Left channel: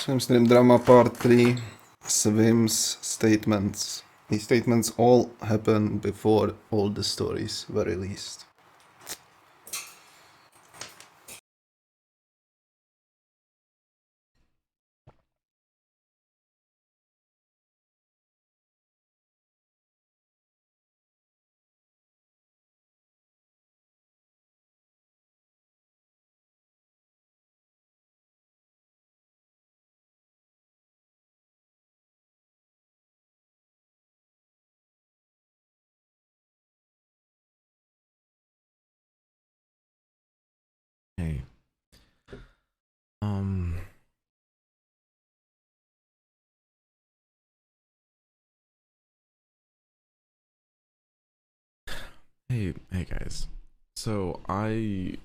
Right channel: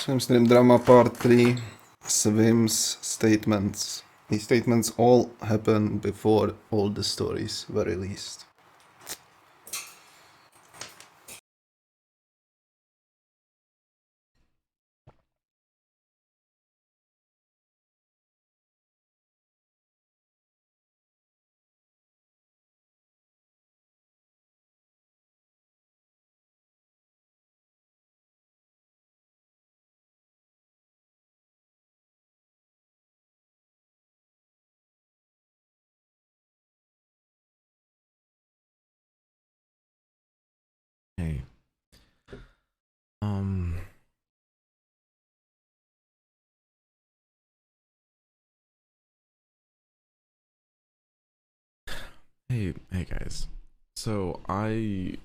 Swimstrim drama part 3. Swim's statements. These statements all happen before all the stories were released. Hey. Um hey guys. So I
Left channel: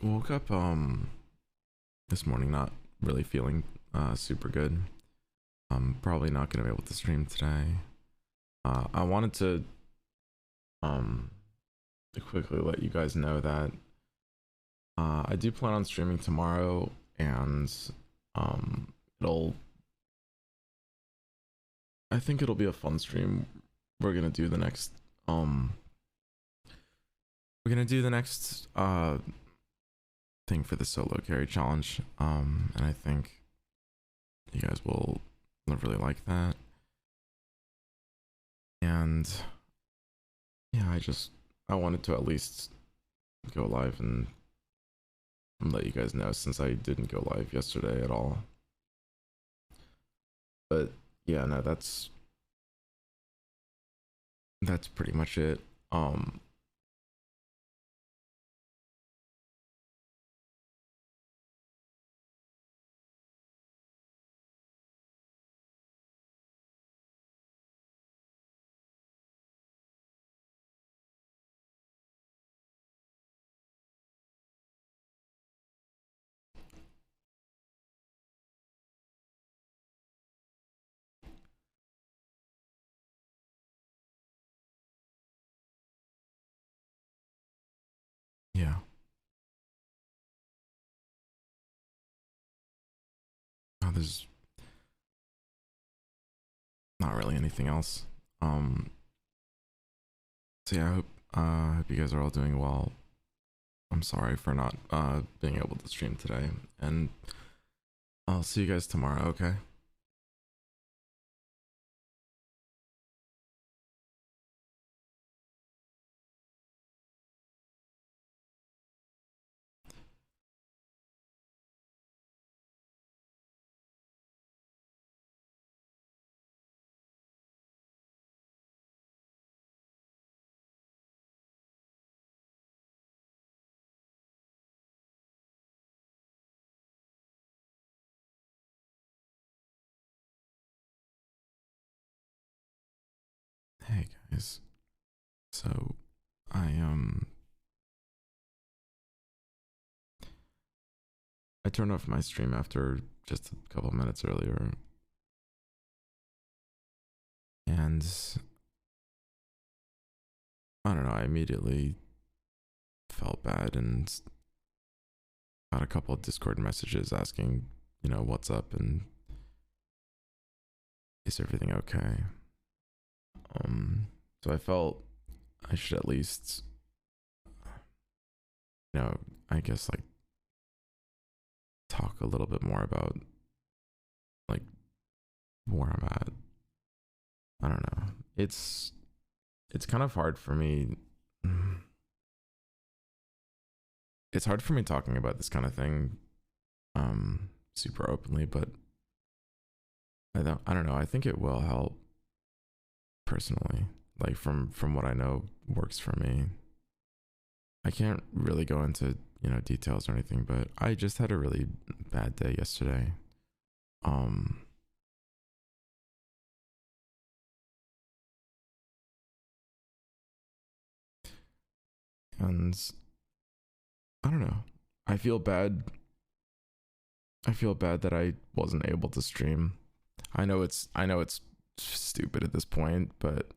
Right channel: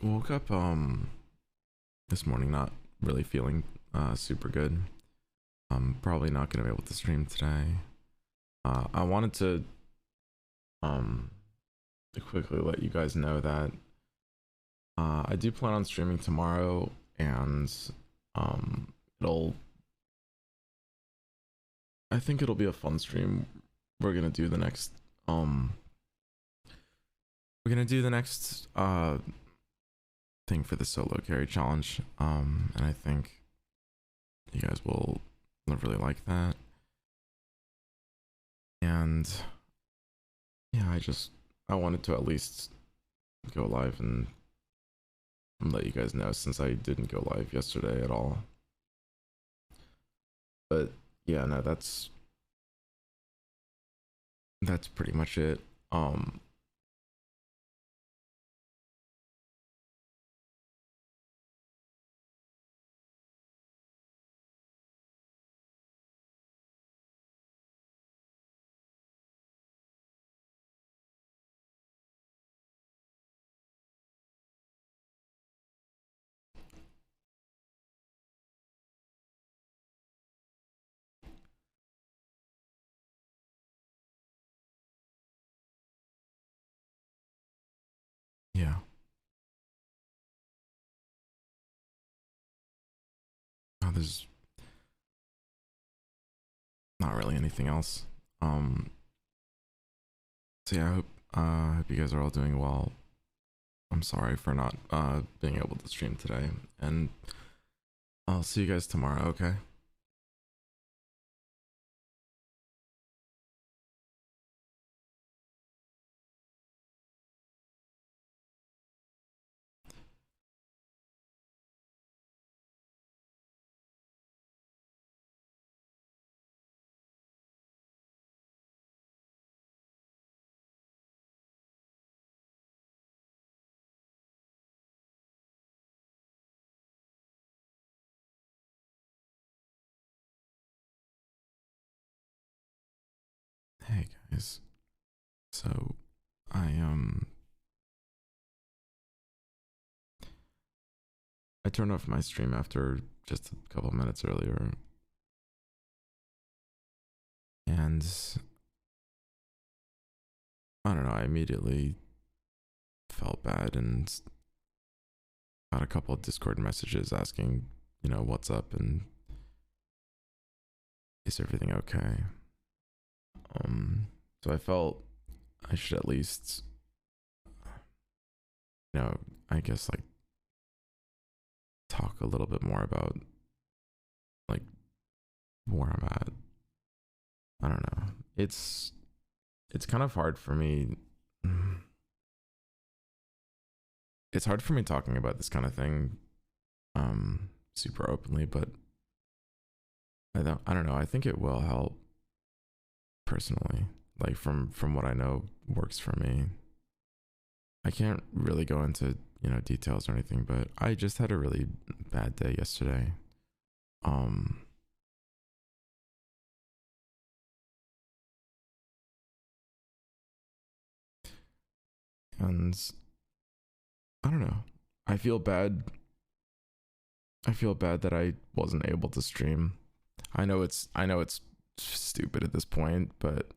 woke up this morning not really feeling super good. I'm probably not gonna be able to stream today. I wanted to um quickly let you guys know that I do plan on streaming tomorrow, and um it'll I think it'll be a fun stream. We're gonna do the next um we're gonna do the next thing for the solo carry challenge. And I think you guys will really like that. And yeah, I wanted to at least go live and let you guys know, since I didn't go live yesterday at all. But yeah, no, that's pretty much it. Yeah. There's not really anything else. Um so yeah, I hope you guys are all doing well. I'm sorry for not being able to stream today, and I'll see you guys tomorrow, okay? Hey guys. So I I turned off my stream after just a couple minutes earlier, and I don't know, I immediately felt bad and got a couple of Discord messages asking, what's up and is everything okay? So I felt I should at least, I guess, like, talk a little bit more about, like, where I'm at. I don't know. It's kind of hard for me. It's hard for me talking about this kind of thing super openly, but I don't know. I think it will help personally. Like, from what I know works for me. I can't really go into, details or anything, but I just had a really bad day yesterday. And I don't know. I feel bad. I feel bad that I wasn't able to stream. I know it's stupid at this point, but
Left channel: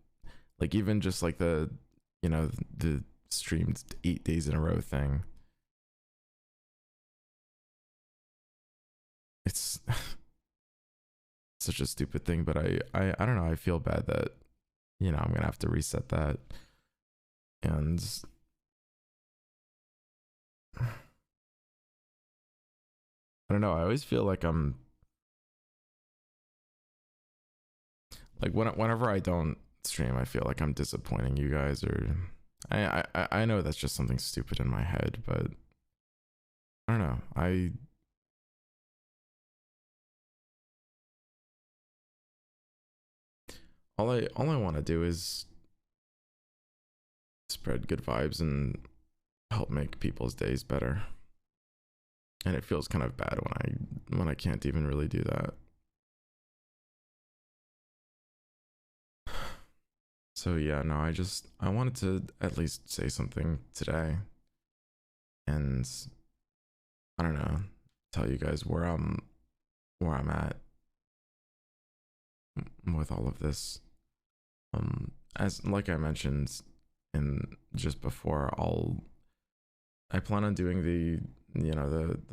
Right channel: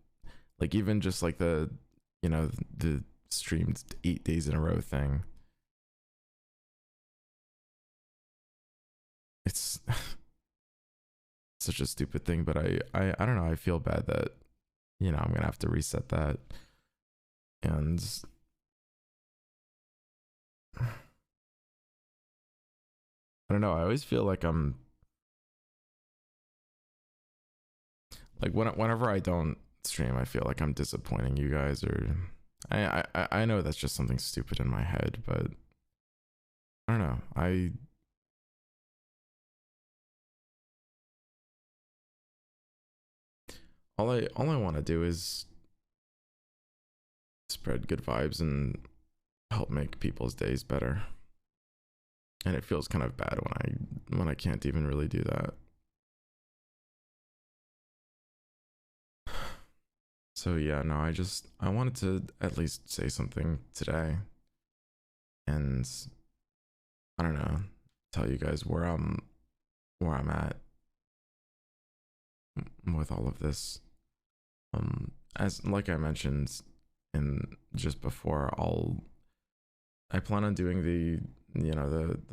like, even just like the streamed 8 days in a row thing. it's such a stupid thing, but I don't know, I feel bad that, you know, I'm gonna have to reset that. And I don't know, I always feel like I'm like whenever I don't stream, I feel like I'm disappointing you guys, or I know that's just something stupid in my head, but I don't know. All I want to do is spread good vibes and help make people's days better. And it feels kind of bad when I can't even really do that. So yeah, no, I wanted to at least say something today, and I don't know, tell you guys where I'm at with all of this. As like I mentioned in just before, I plan on doing the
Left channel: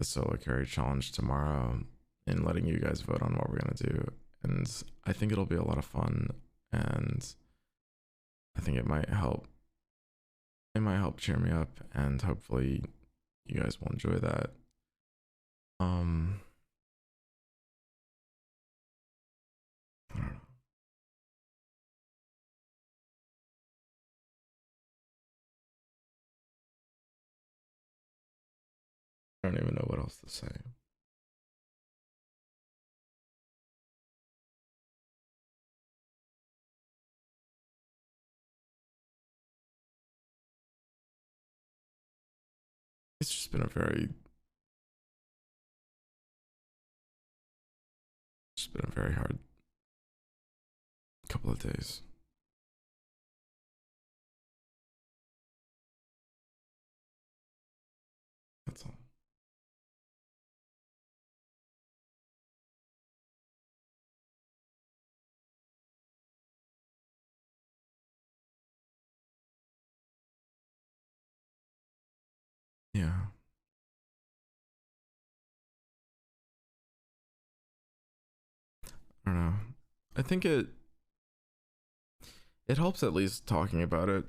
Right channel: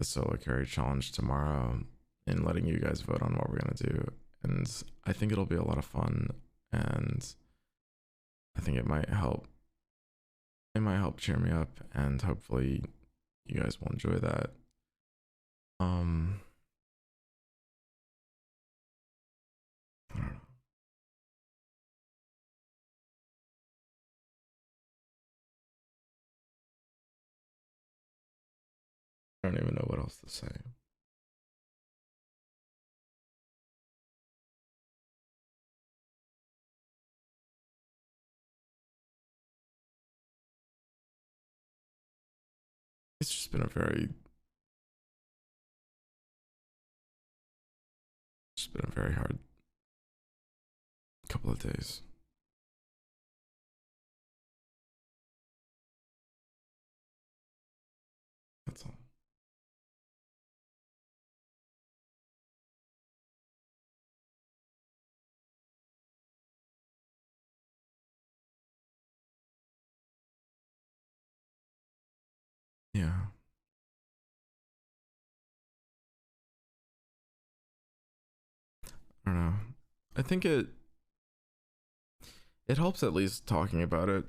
solo carry challenge tomorrow and letting you guys vote on what we're gonna do. And I think it'll be a lot of fun, and I think it might help. It might help cheer me up, and hopefully you guys will enjoy that. Um, I don't know. I don't even know what else to say. It's just been a very hard couple of days. That's all. Yeah. I don't know. I think it helps at least talking about it.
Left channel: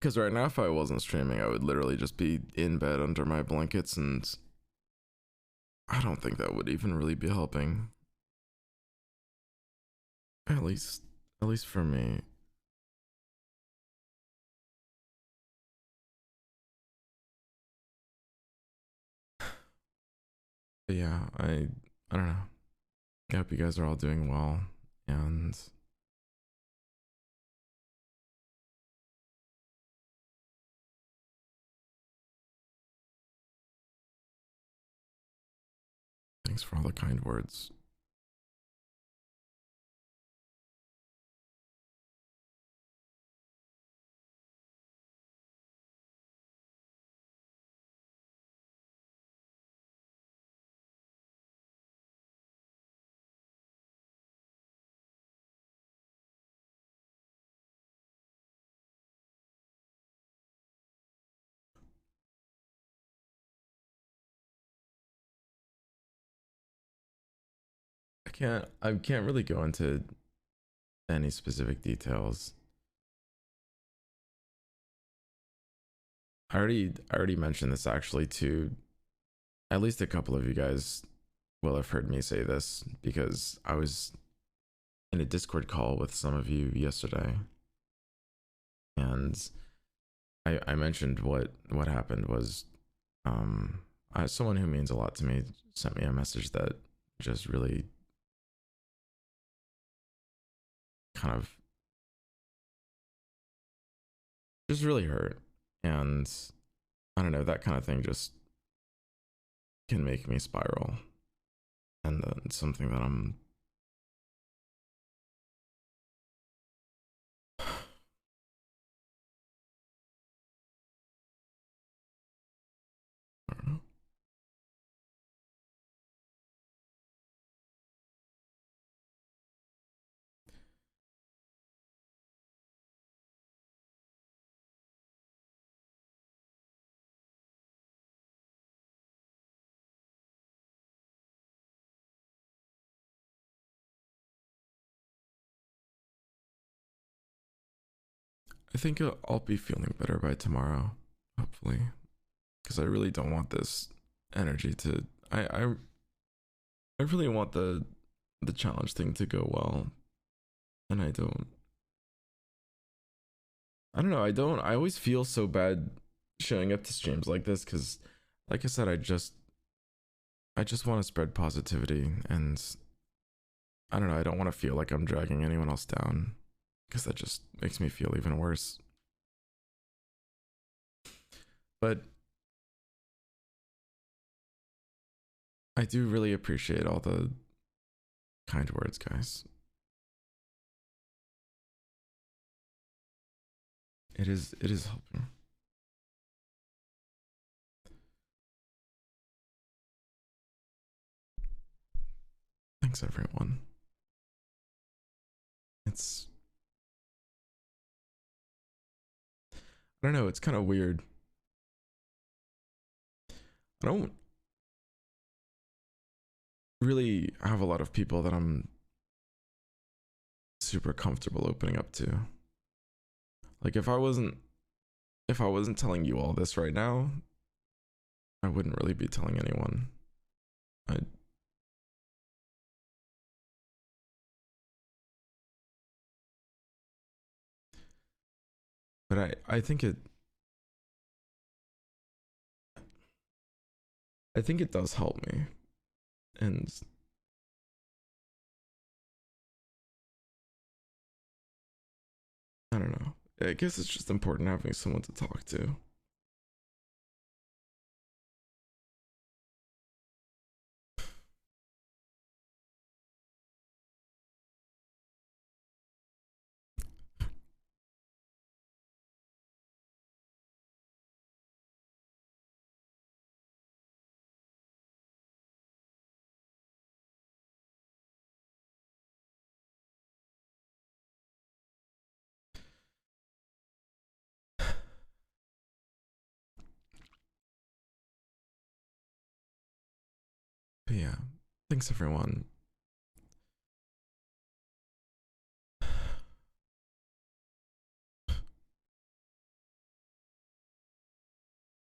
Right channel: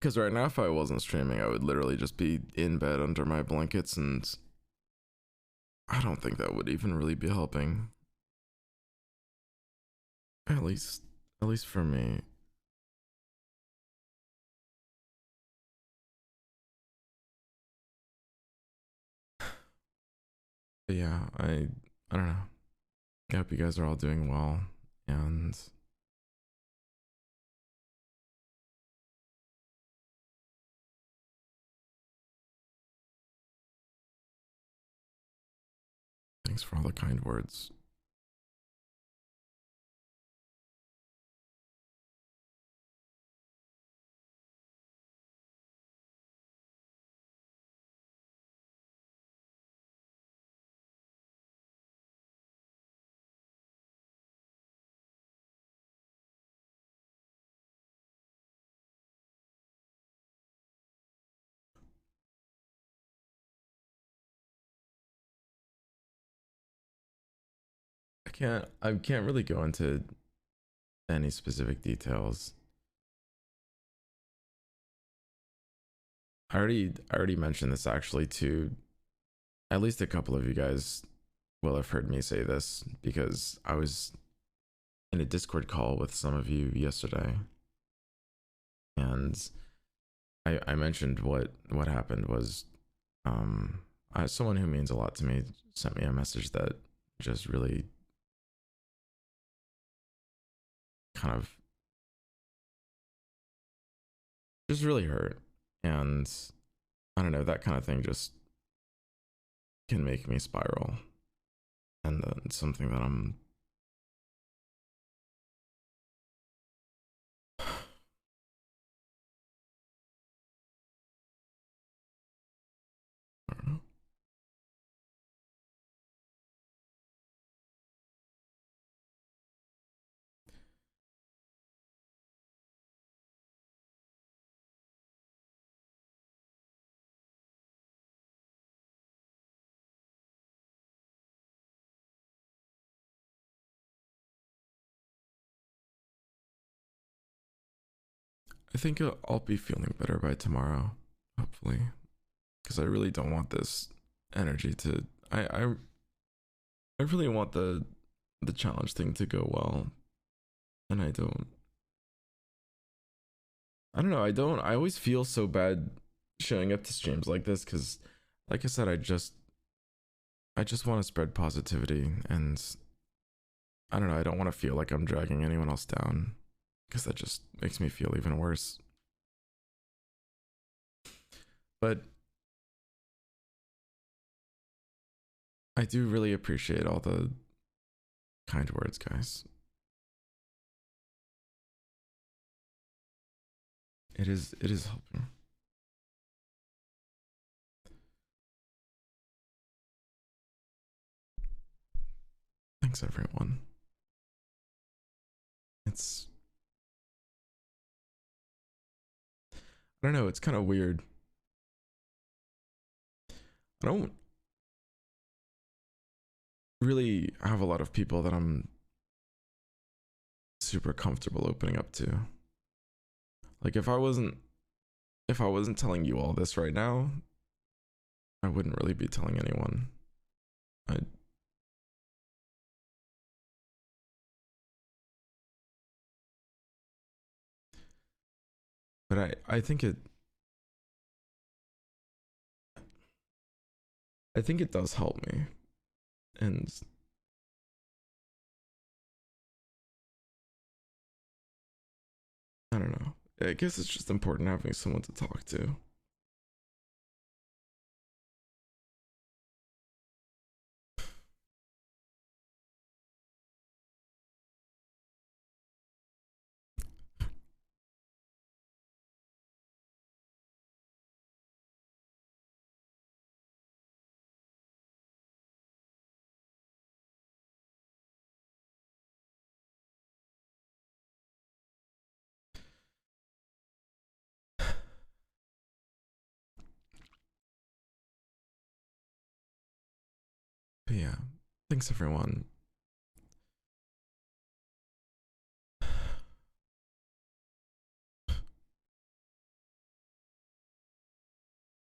Because right now, if I wasn't streaming, I would literally just be in bed under my blankets, and I don't think that would even really be helping. At least, at least for me. But yeah, I don't know. I hope you guys are all doing well, and thanks for all the kind words. I can't really go into any specific details. I already mentioned this actually to at least a couple of you guys will have heard me say this, because I was in a Discord call with some of you yesterday, and I mentioned what happened was, someone who means a lot to me sent me a message that just really kind of just really hurt, and I don't know, that kind of thing just can make me spiral, and it's something that I don't know. I think I'll be feeling better by tomorrow, hopefully, because I really don't want this energy to. I really want the challenge thing to go well, and I don't. I don't know. I don't. I always feel so bad showing up to streams like this because, like I said, I just want to spread positivity, and I don't know. I don't want to feel like I'm dragging anyone else down because that just makes me feel even worse. But I do really appreciate all the kind words, guys. It is helping. Thanks, everyone. It's, I don't know, it's kind of weird. I don't really have a lot of people that I'm super comfortable opening up to. Like if I wasn't telling you all this right now, I wouldn't really be telling anyone. But I think it does help me. And I don't know. I guess it's just important having someone to talk to. But yeah, thanks everyone.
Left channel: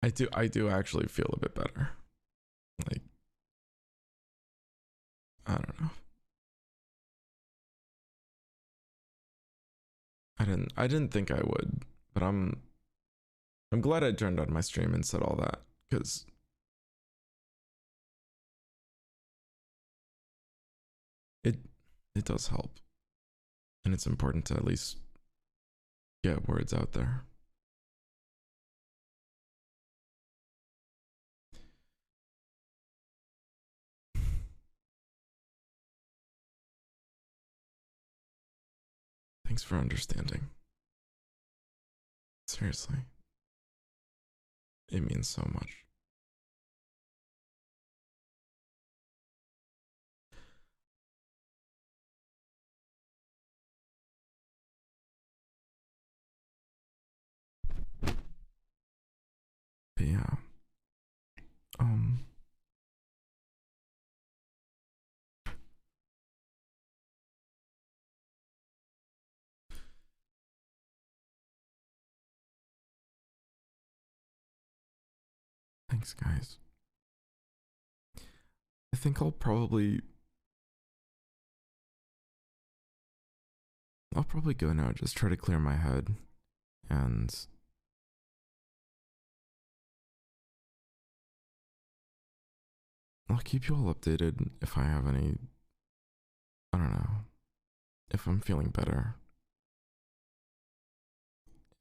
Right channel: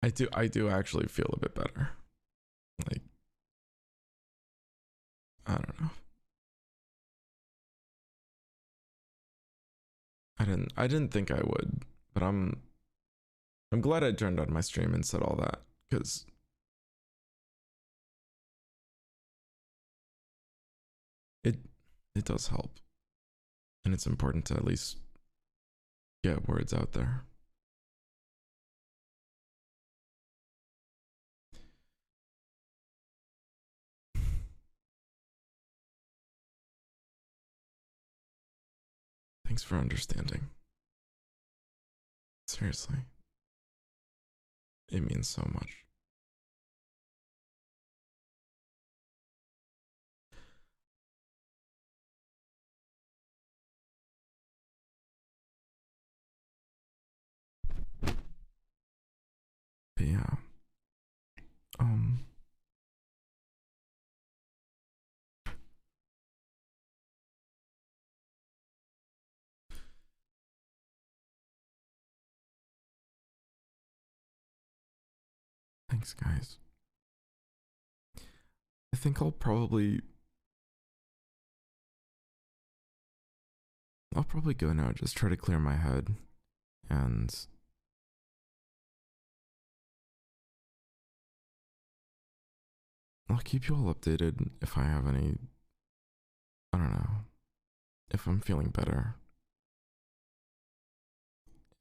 I do actually feel a bit better. Like I don't know. I didn't think I would, but I'm glad I turned on my stream and said all that because it does help. And it's important to at least get words out there. Thanks for understanding. Seriously. It means so much. But yeah. Thanks guys. I think I'll probably go now, just try to clear my head and I'll keep you all updated if I have any, I don't know, if I'm feeling better.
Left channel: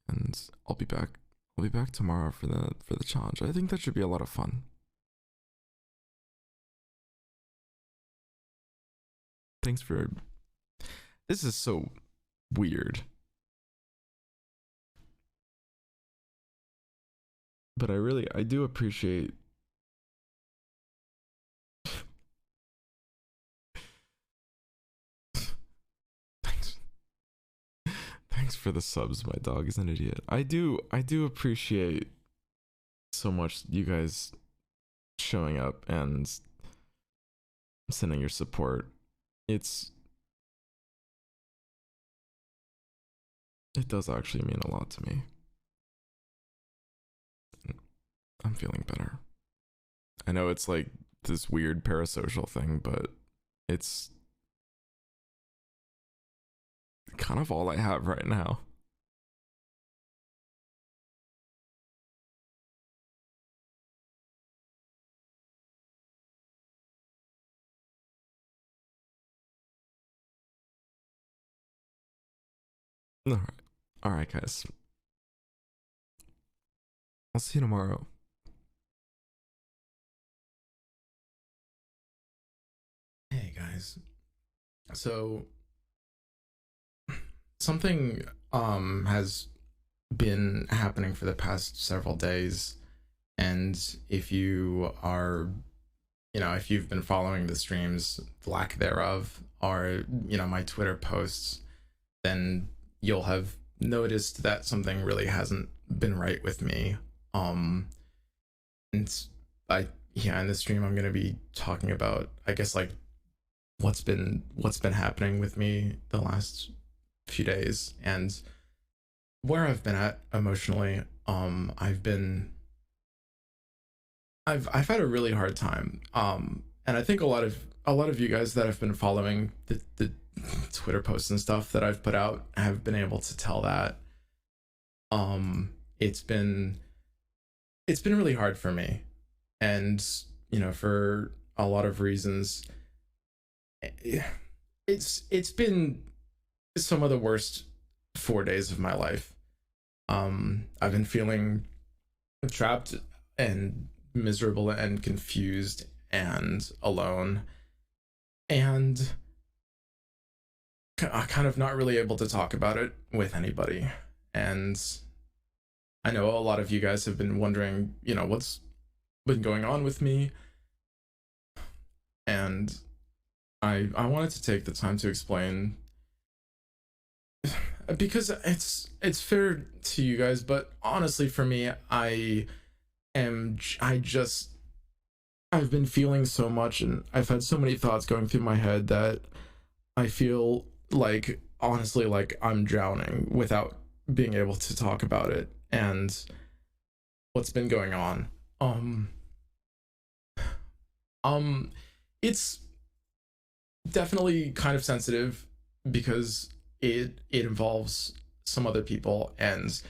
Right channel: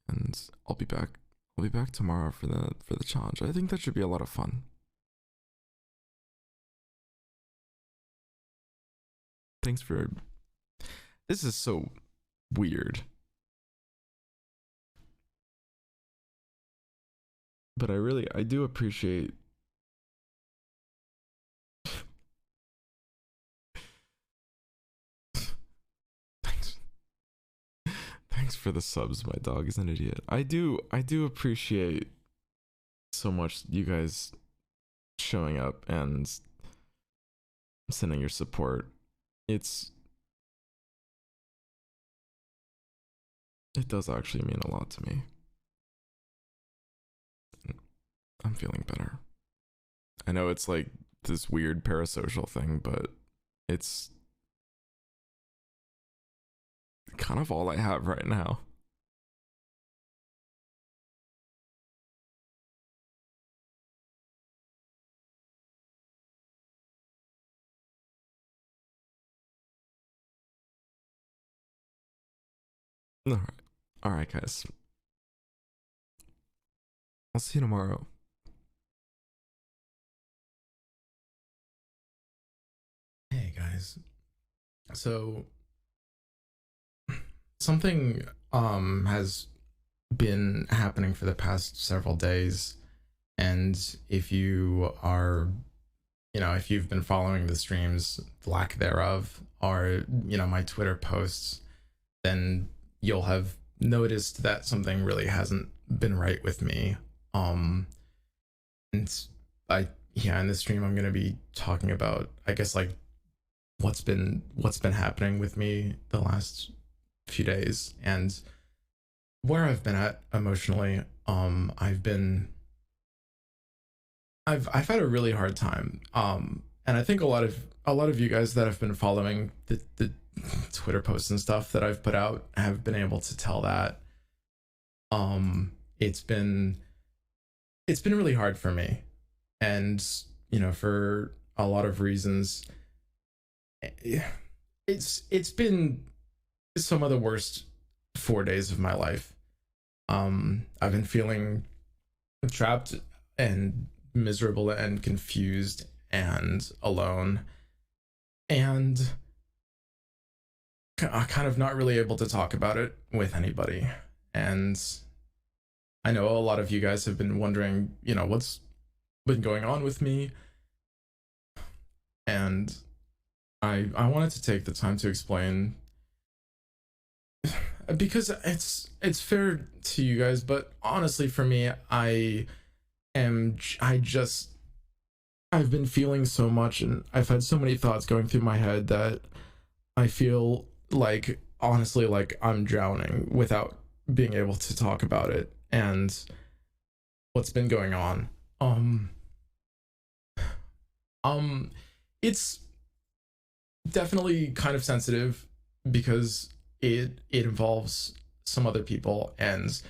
And I'll be back tomorrow for the challenge. I think that should be a lot of fun. Thanks for, this is so weird. But I do appreciate Thanks for the subs. My dog is an idiot. I do appreciate so much you guys showing up and sending your support. It's It does actually mean a lot to me. I'm feeling better. I know it's like this weird parasocial thing, but it's kind of all I have right now. All right. All right, guys. I'll see you tomorrow. Hey, guys. So, something has been happening for the past several days, and if you are, if you've been following the streams, lack thereof, or my Twitter posts, then you'll have noticed that something really hasn't been right with me. And I yeah, in this stream I'm gonna be talking about, I guess, like what's been happening with me the last few days and where I've been at emotionally. I've had a really hard time. And I think a lot of you guys that have been following the Twitter posts and stuff that I've put out have been able to tell that it's been really hard for me, and for a lot of reasons. It's been some of the worst 4 days of my life. I've been feeling trapped and miserable and confused and alone, and kind of not really able to talk about it with anybody. And I know a lot of you guys have been wondering, what's been going on with me, and I wanted to take the time to explain, because it's fair to you guys, but honestly for me, I've been feeling so much, and I've had so many thoughts going through my head that I feel like, honestly, like I'm drowning without being able to talk about it and what's been going on. It's definitely kind of sensitive because it involves some other people, and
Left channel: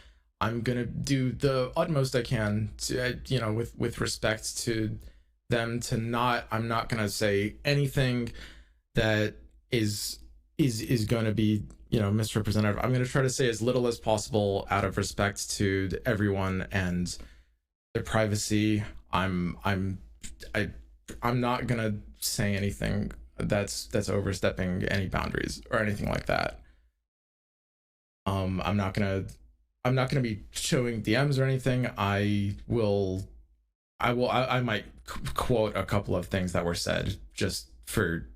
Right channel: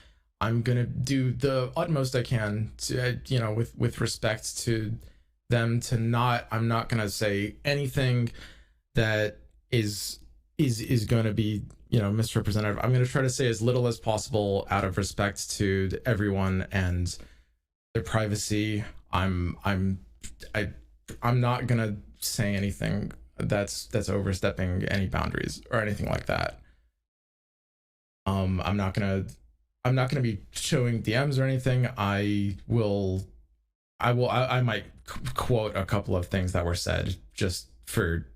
I'm gonna do the utmost I can to, with respect to them, to not, I'm not gonna say anything that is gonna be, misrepresentative. I'm gonna try to say as little as possible out of respect to everyone and their privacy. I I'm not gonna say anything that's overstepping any boundaries or anything like that. I'm not gonna be showing DMs or anything. I might quote a couple of things that were said just for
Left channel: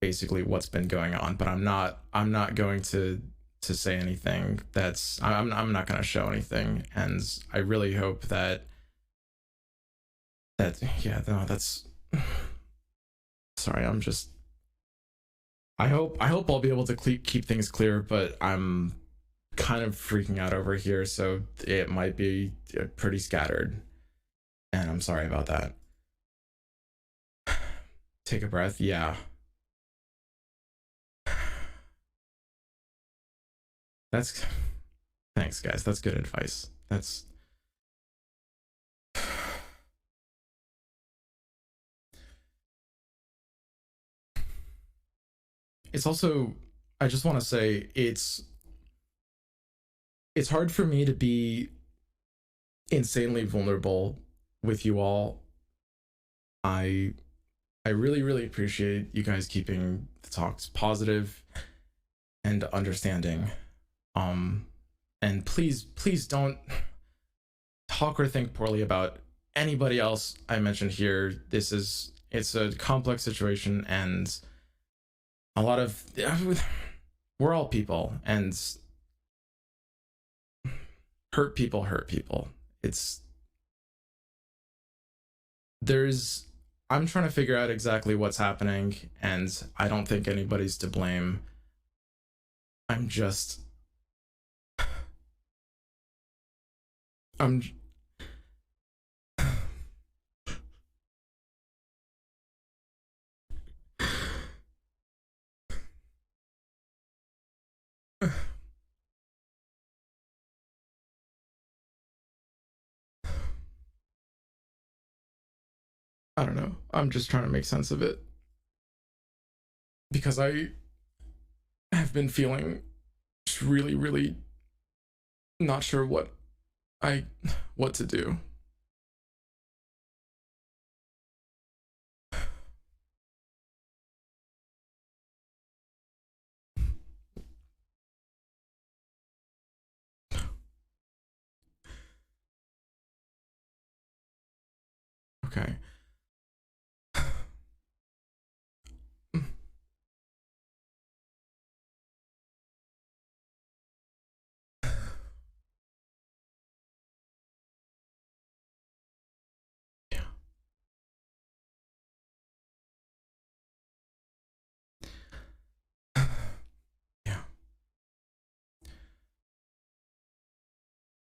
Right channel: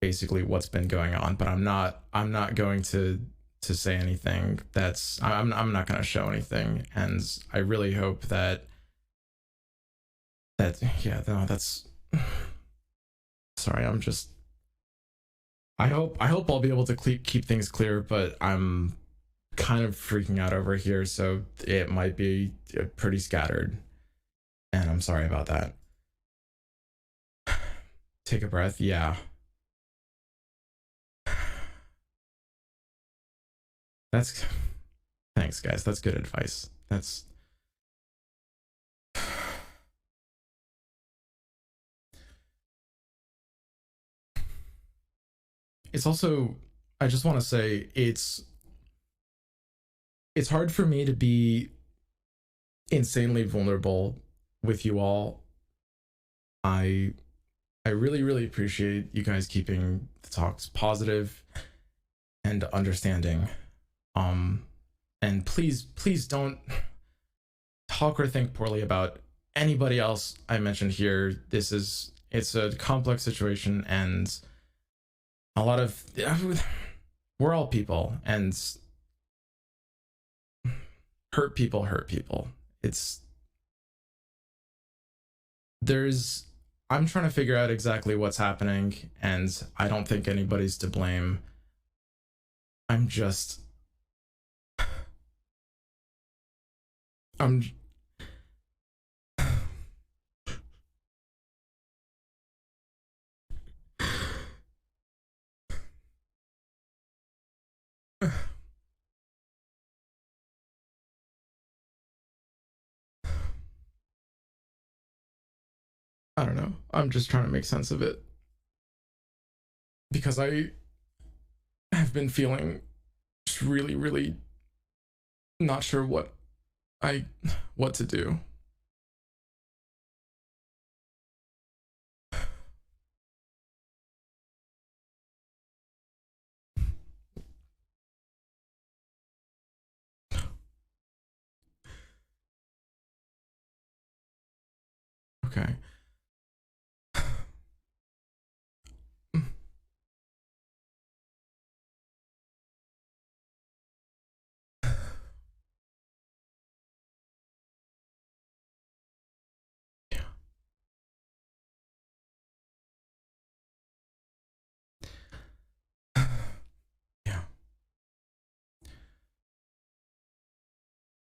basically what's been going on, but I'm not going to say anything that's, I'm not going to show anything. And I really hope that yeah, no, that's sorry, I hope I'll be able to keep things clear, but I'm kind of freaking out over here, so it might be pretty scattered, and I'm sorry about that. Take a breath. Yeah. That's Thanks, guys. That's good advice. That's it's also, I just want to say, it's hard for me to be insanely vulnerable with you all. I I really, really appreciate you guys keeping the talks positive and understanding. Um and please don't talk or think poorly about anybody else I mentioned here. It's a complex situation, and a lot of we're all people, and hurt people. It's there's I'm trying to figure out exactly what's happening, and I don't think anybody's to blame. I'm just I'm I don't know. I'm just trying to make sense of it because I have been feeling just really, really not sure I what to do. Okay. Yeah.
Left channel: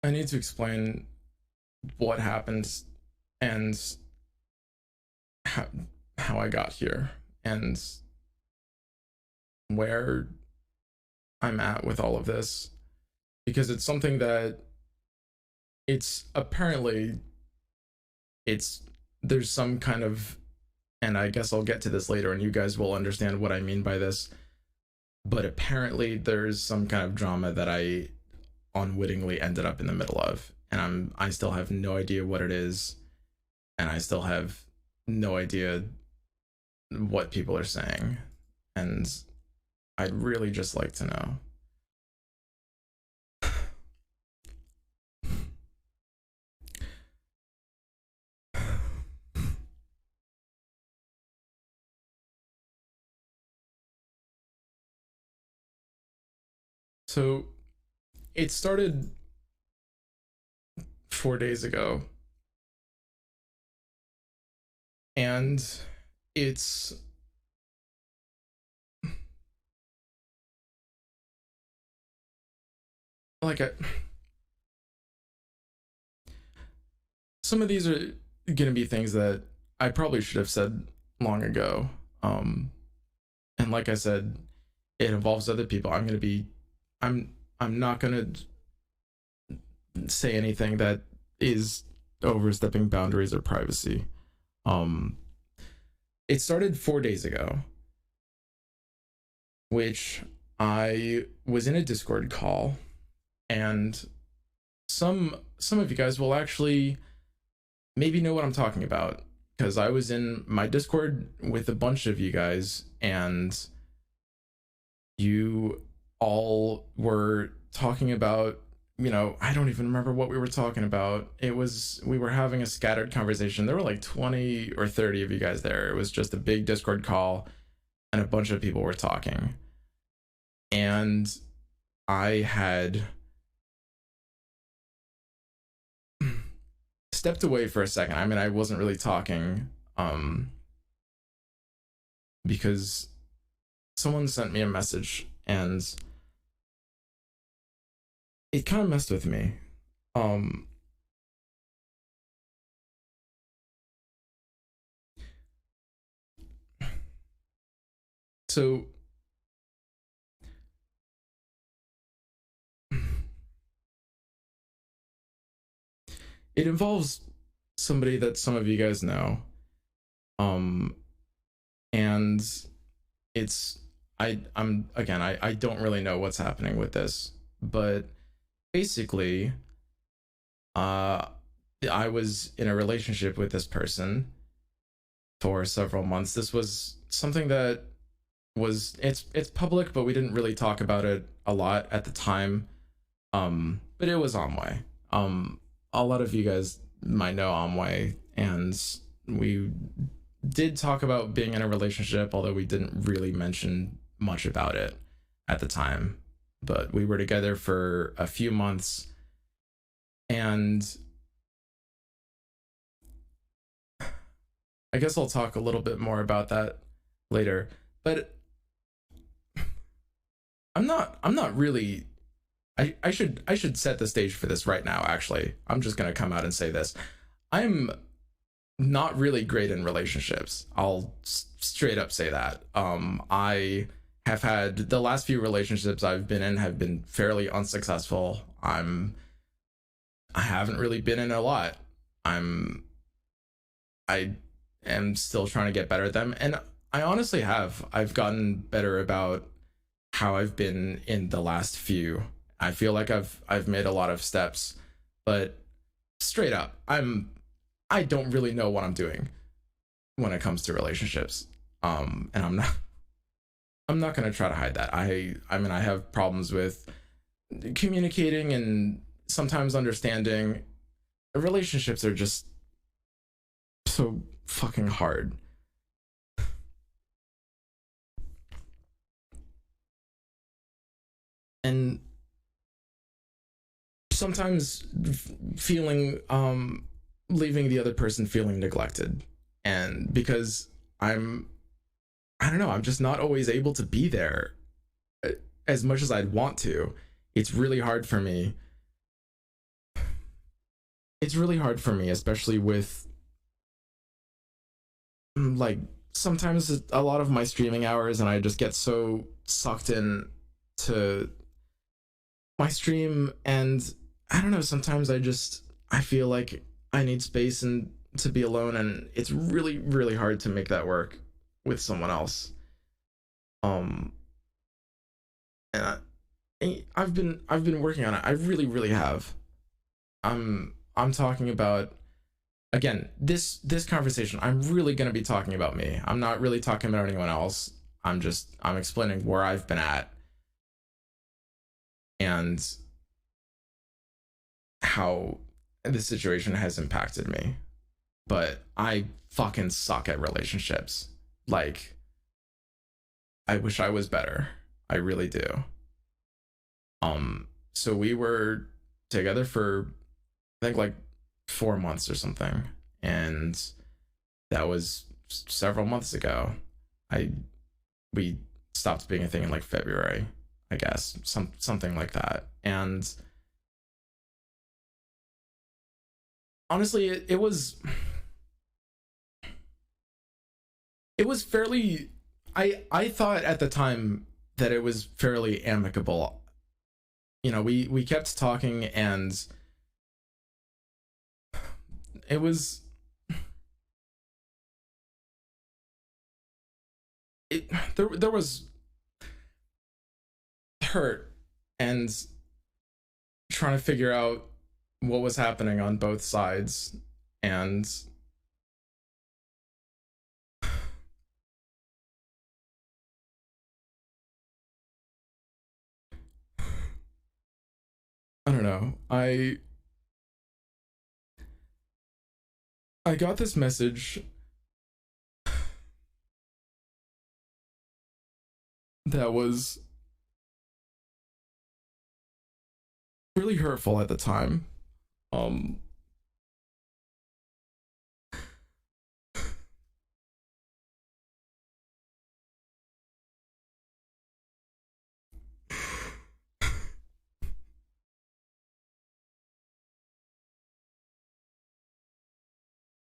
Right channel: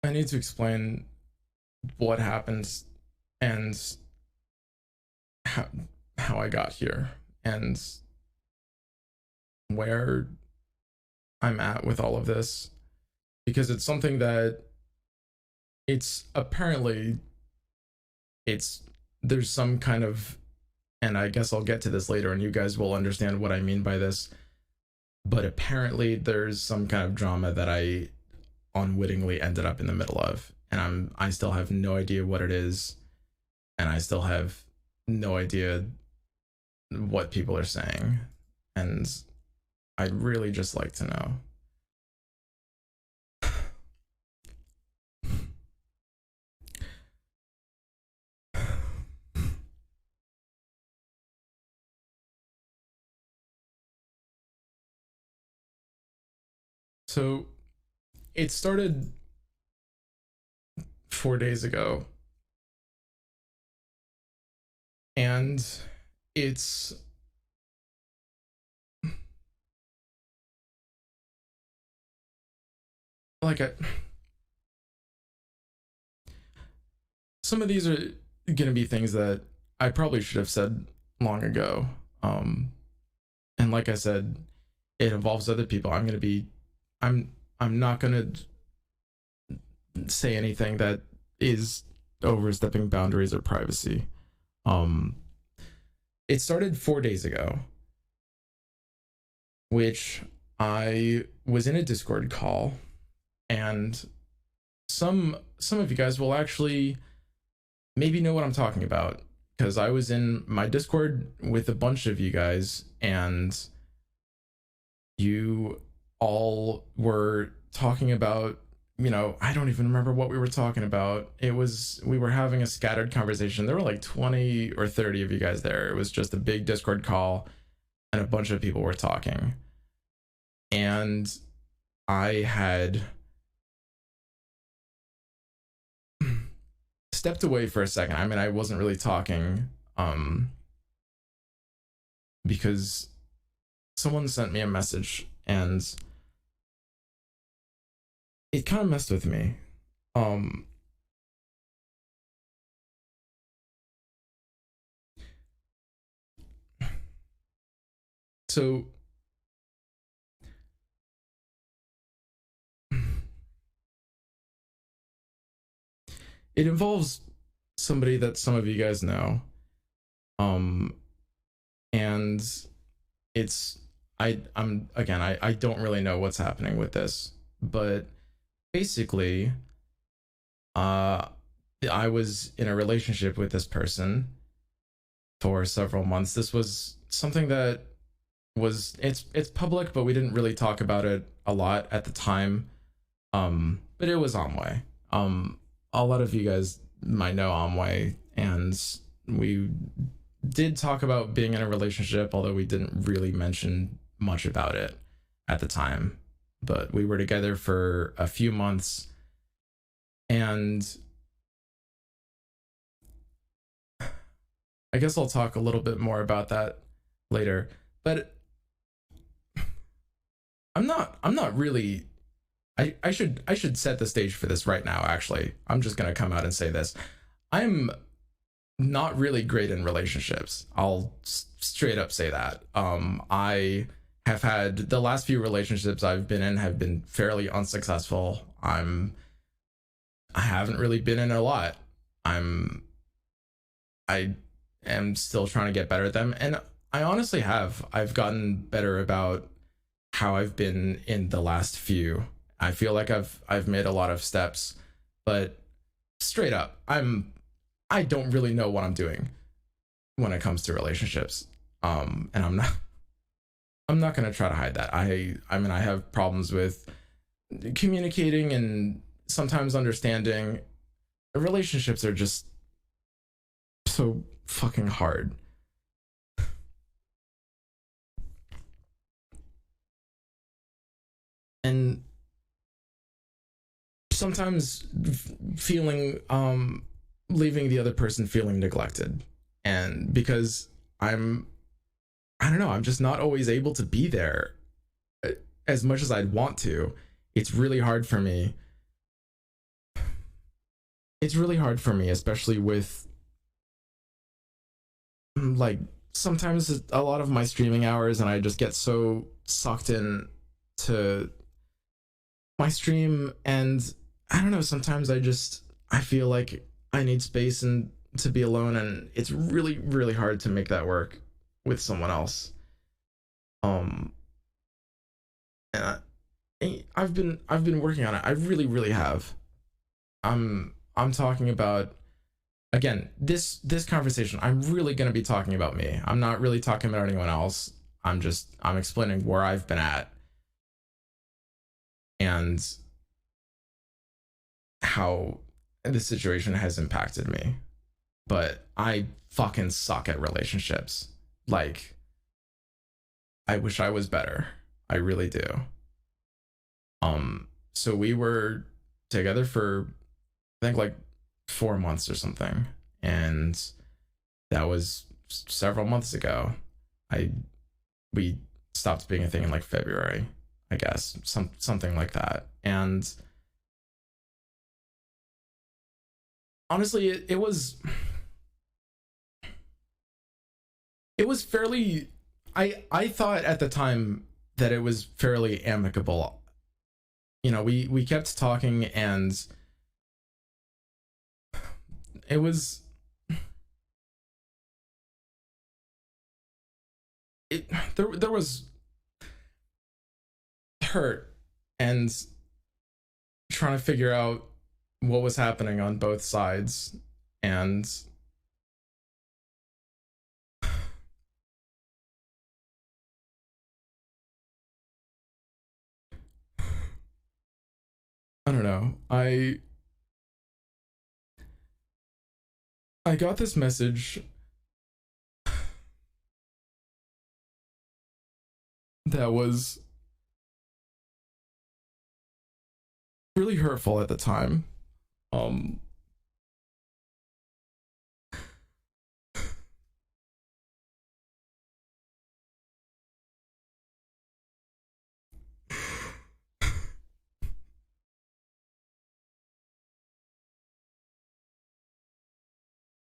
I need to explain what happened and how I got here and where I'm at with all of this because it's something that it's apparently it's there's some kind of, and I guess I'll get to this later and you guys will understand what I mean by this, but apparently there's some kind of drama that I unwittingly ended up in the middle of, and I still have no idea what it is, and I still have no idea what people are saying, and I'd really just like to know. So it started 4 days ago, and it's like some of these are gonna be things that I probably should have said long ago. And like I said, it involves other people. I'm not gonna say anything that is overstepping boundaries or privacy. It started 4 days ago, which I was in a Discord call, and some of you guys will actually maybe know what I'm talking about because I was in my Discord with a bunch of you guys, and you all were talking about, I don't even remember what we were talking about. We were having a scattered conversation. There were like 20 or 30 of you guys there. It was just a big Discord call and a bunch of people were talking. And I had stepped away for a second. I mean, I wasn't really talking because someone sent me a message and it kind of messed with me. So it involves somebody that some of you guys know. And I don't really know what's happening with this, but basically, I was in a relationship with this person for several months. This was something that it's public, but we didn't really talk about it a lot at the time. But it was Amway. A lot of you guys might know Amway, and we did talk about being in a relationship, although we didn't really mention much about it at the time. But we were together for a few months, and I guess I'll talk a little bit more about that later. But I'm not really, I should set the stage for this right now. Actually, I'm just gonna come out and say this. I'm not really great in relationships. I'll straight up say that. I have had the last few relationships I've been in have been fairly unsuccessful. I haven't really been in a lot. I am still trying to get better at them, and I honestly have. I've gotten better about how I've been in the last few. I feel like I've made a lot of steps, but straight up, I don't really know what I'm doing when it comes to relationships. And I'm not gonna try to hide that. I mean, I have problems with communicating and sometimes understanding. Relationships are just so fucking hard. And sometimes feeling leaving the other person feeling neglected, and because I don't know, I'm just not always able to be there as much as I'd want to. It's really hard for me. It's really hard for me, especially with like sometimes a lot of my streaming hours, and I just get so sucked in to my stream, and I don't know, sometimes I feel like I need space and to be alone, and it's really, really hard to make that work with someone else. And I've been working on it. I really, really have. I'm talking about, again, this conversation, I'm really going to be talking about me. I'm not really talking about anyone else. I'm explaining where I've been at and how this situation has impacted me. But I fucking suck at relationships. Like, I wish I was better. I really do. So we were together for, I think, like 4 months or something, and that was several months ago. We stopped being a thing in like February, I guess, something like that. And honestly, it was fairly, I thought at the time that it was fairly amicable. You know, we kept talking, and it was there was hurt and trying to figure out what was happening on both sides, and I don't know. I got this message that was really hurtful at the time.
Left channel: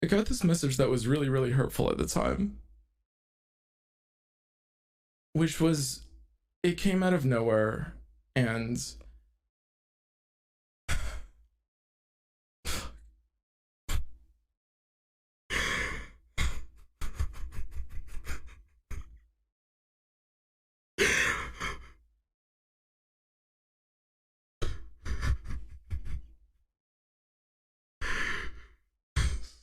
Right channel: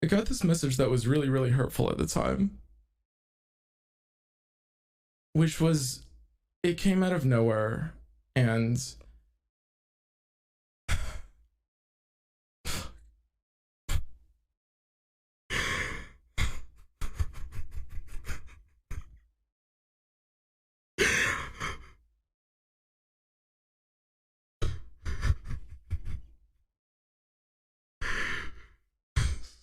I got this message that was really, really hurtful at the time, which was, it came out of nowhere, and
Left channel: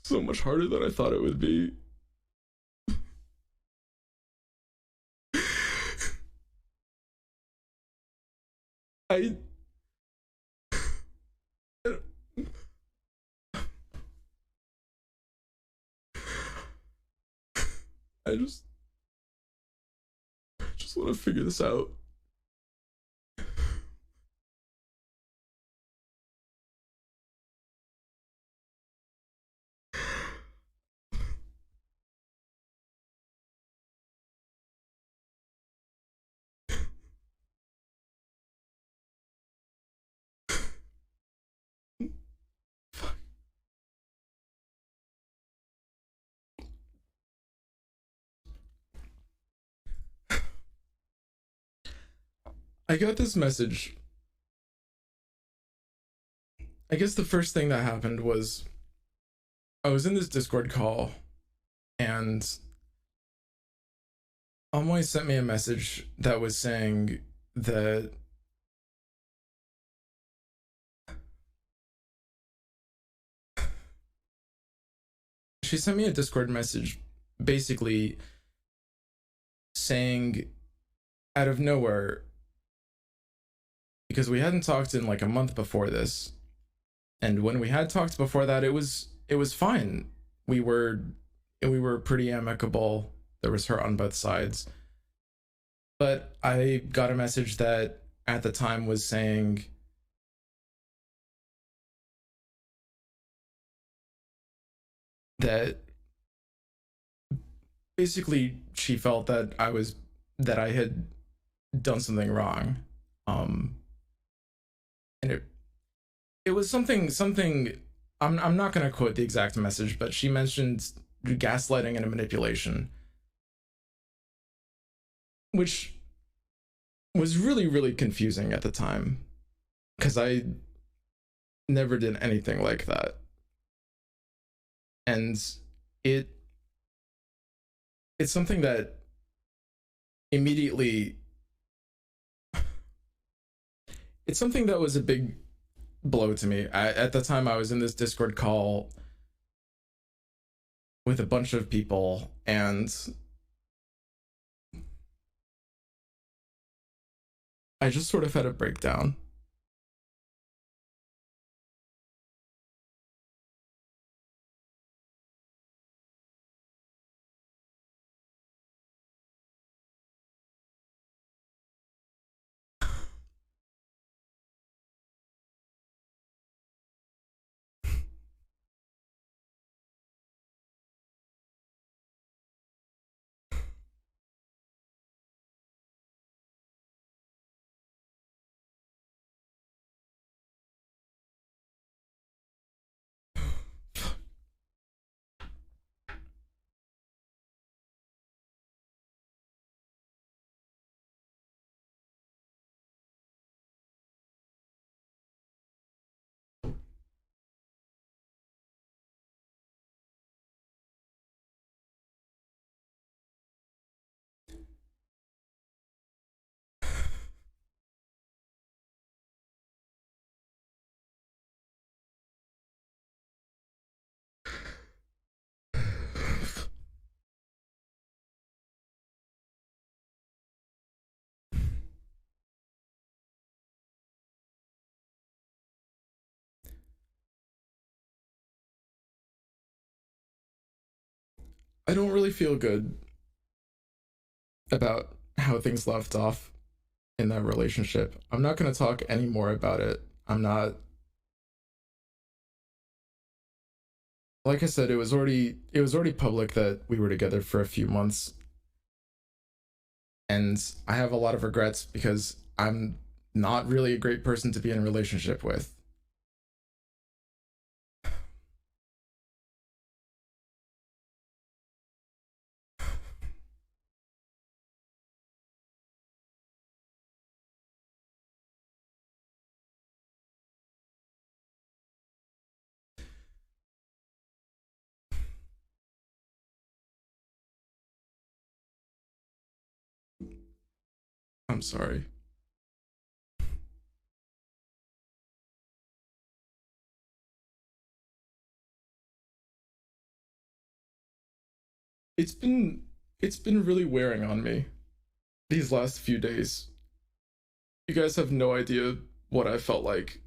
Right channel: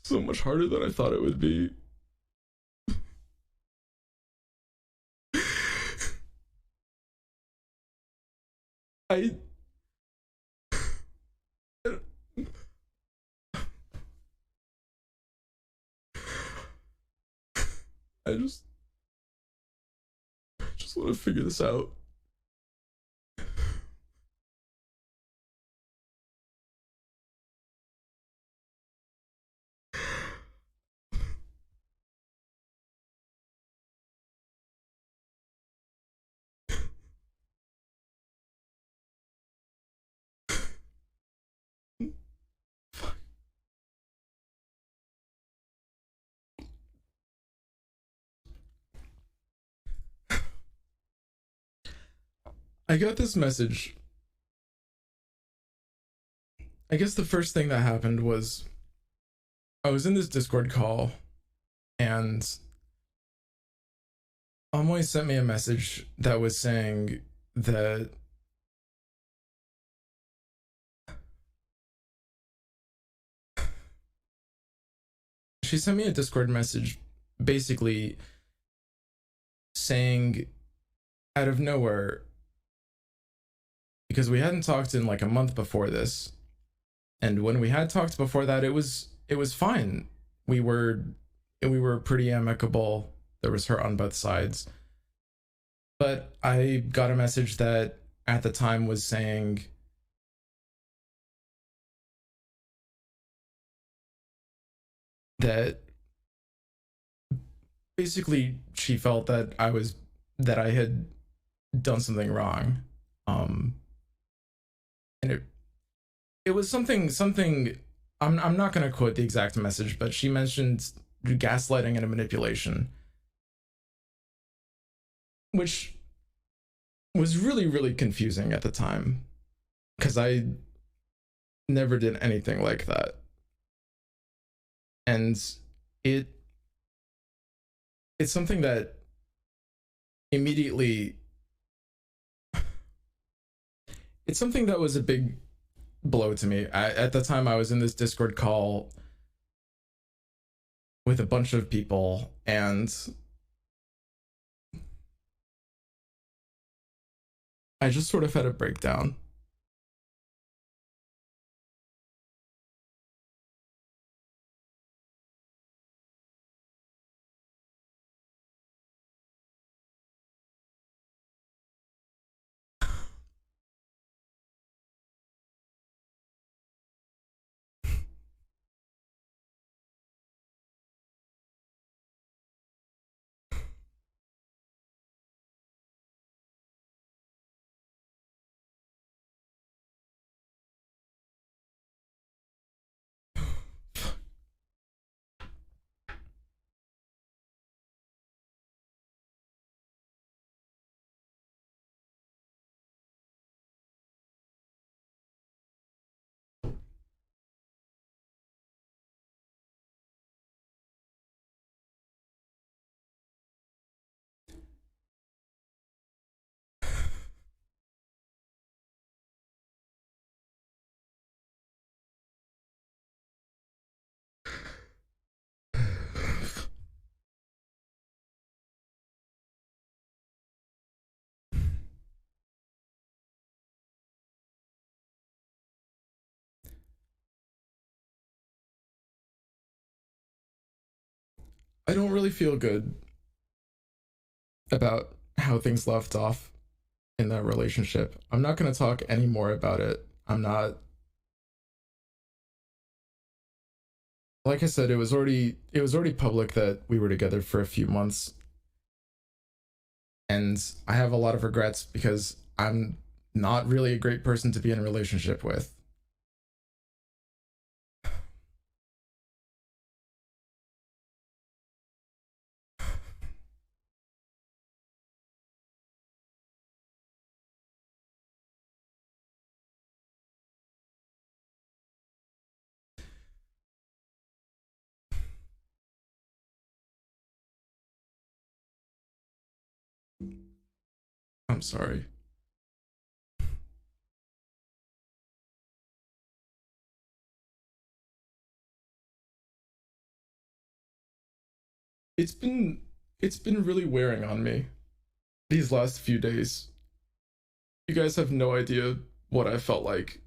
so much harder than I thought it would be. I I just want to figure this out. I got this message. I guess the first thing that happened was I was in this Discord call and Amoy sent me a message that was saying that she sent me a Discord message basically saying out of nowhere, because we hadn't talked in like a month before this, and when we had talked before that, it was fine. We were pretty amicable. There was hurt on both sides. But I got a message that at the time was saying that basically she felt that I had done something wrong. And it was something I'm not going to quote the exact message, but she mentioned gaslighting and manipulation, which was really, really confusing at the time because I never did anything like that. And it's something that immediately, it's something that was a big blow to me. At the time, I was in this Discord call with a bunch of people, and I just sort of had a breakdown. I don't really feel good about how things left off in that relationship. I'm not going to talk any more about it. I'm not, like I said, it was already public that we were together for a few months. And I have a lot of regrets because I'm not really a great person to be in a relationship with. I'm sorry. It's been really wearing on me these last few days. You guys have no idea what I felt like.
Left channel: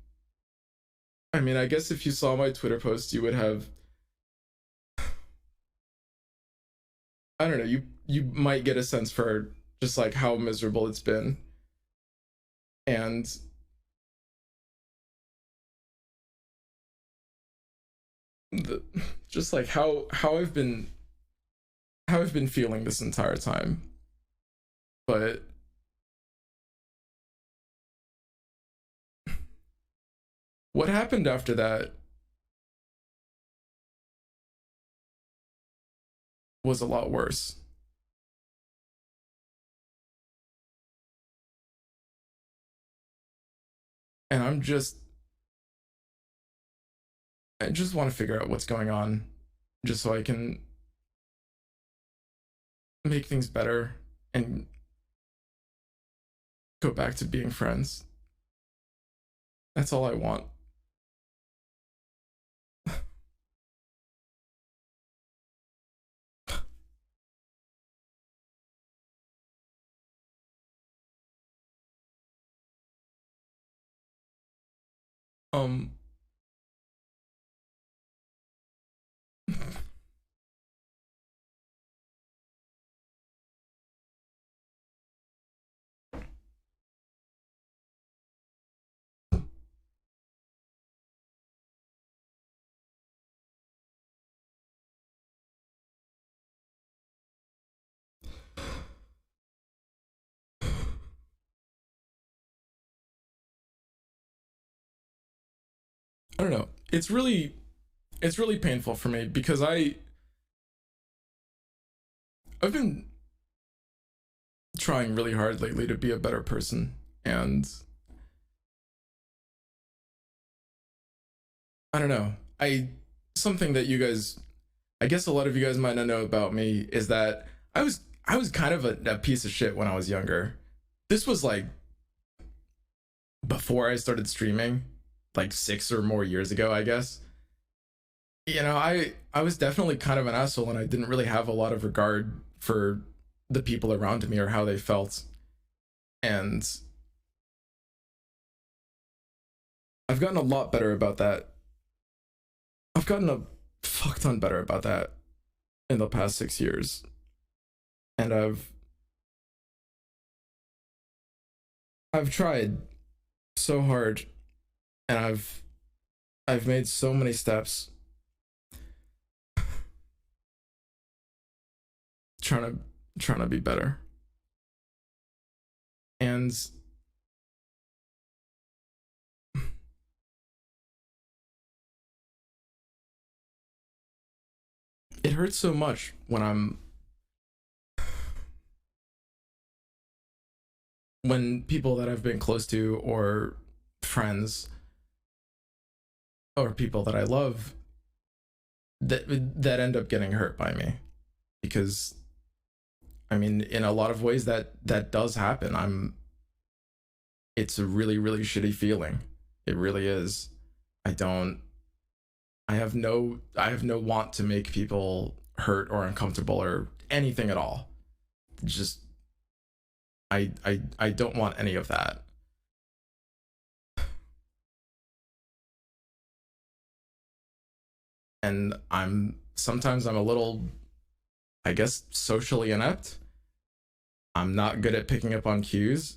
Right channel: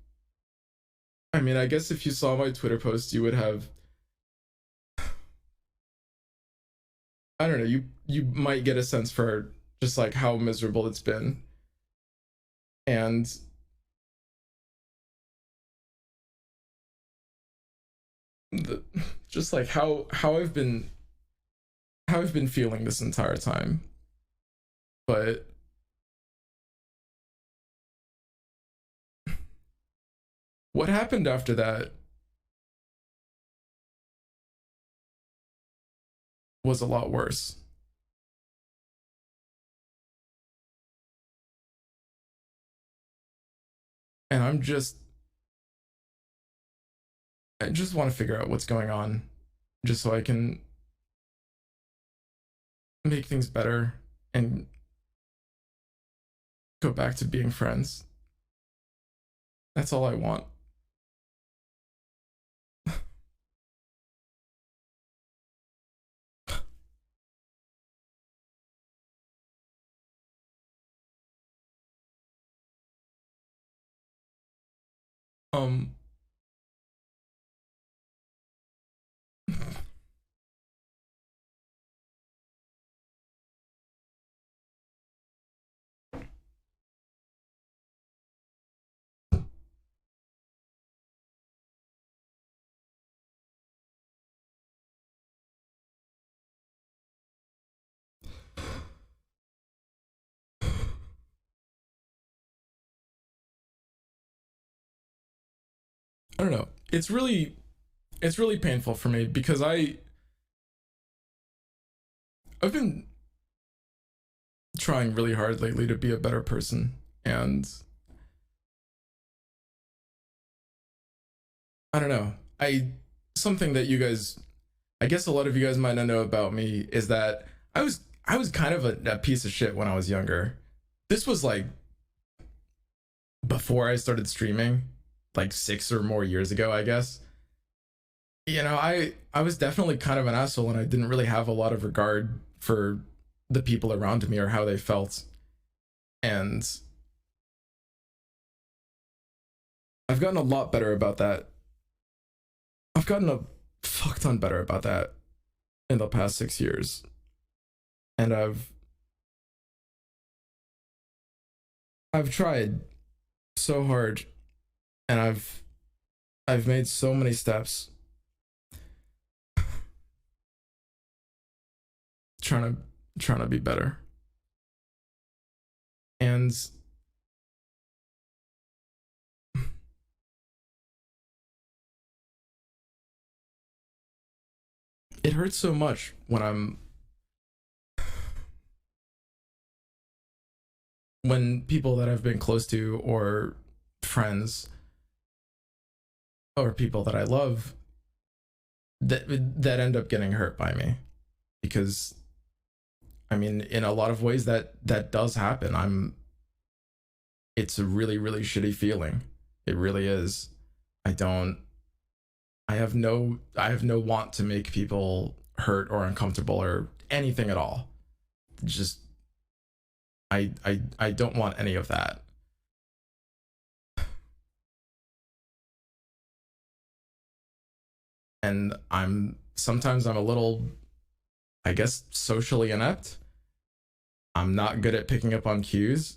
I mean, I guess if you saw my Twitter post, you would have, I don't know, you might get a sense for just like how miserable it's been. And just like how I've been feeling this entire time. But what happened after that was a lot worse. And I just want to figure out what's going on just so I can make things better and go back to being friends. That's all I want. um I don't know. It's really painful for me because I've been trying really hard lately to be a better person, and I don't know. Something that you guys, I guess a lot of you guys might not know about me is that I was kind of a piece of shit when I was younger. This was like before I started streaming, like 6 or more years ago, I guess. You know, I was definitely kind of an asshole, and I didn't really have a lot of regard for the people around me or how they felt. And I've gotten a lot better about that. I've gotten a fuck ton better about that in the past 6 years. And I've tried so hard, and I've made so many steps trying to be better. And it hurts so much when people that I've been close to, or friends, or people that I love, that end up getting hurt by me. Because I mean, in a lot of ways that does happen. It's a really, really shitty feeling. It really is. I have no want to make people hurt or uncomfortable or anything at all. Just I don't want any of that. And sometimes I'm a little, I guess, socially inept. I'm not good at picking up on cues,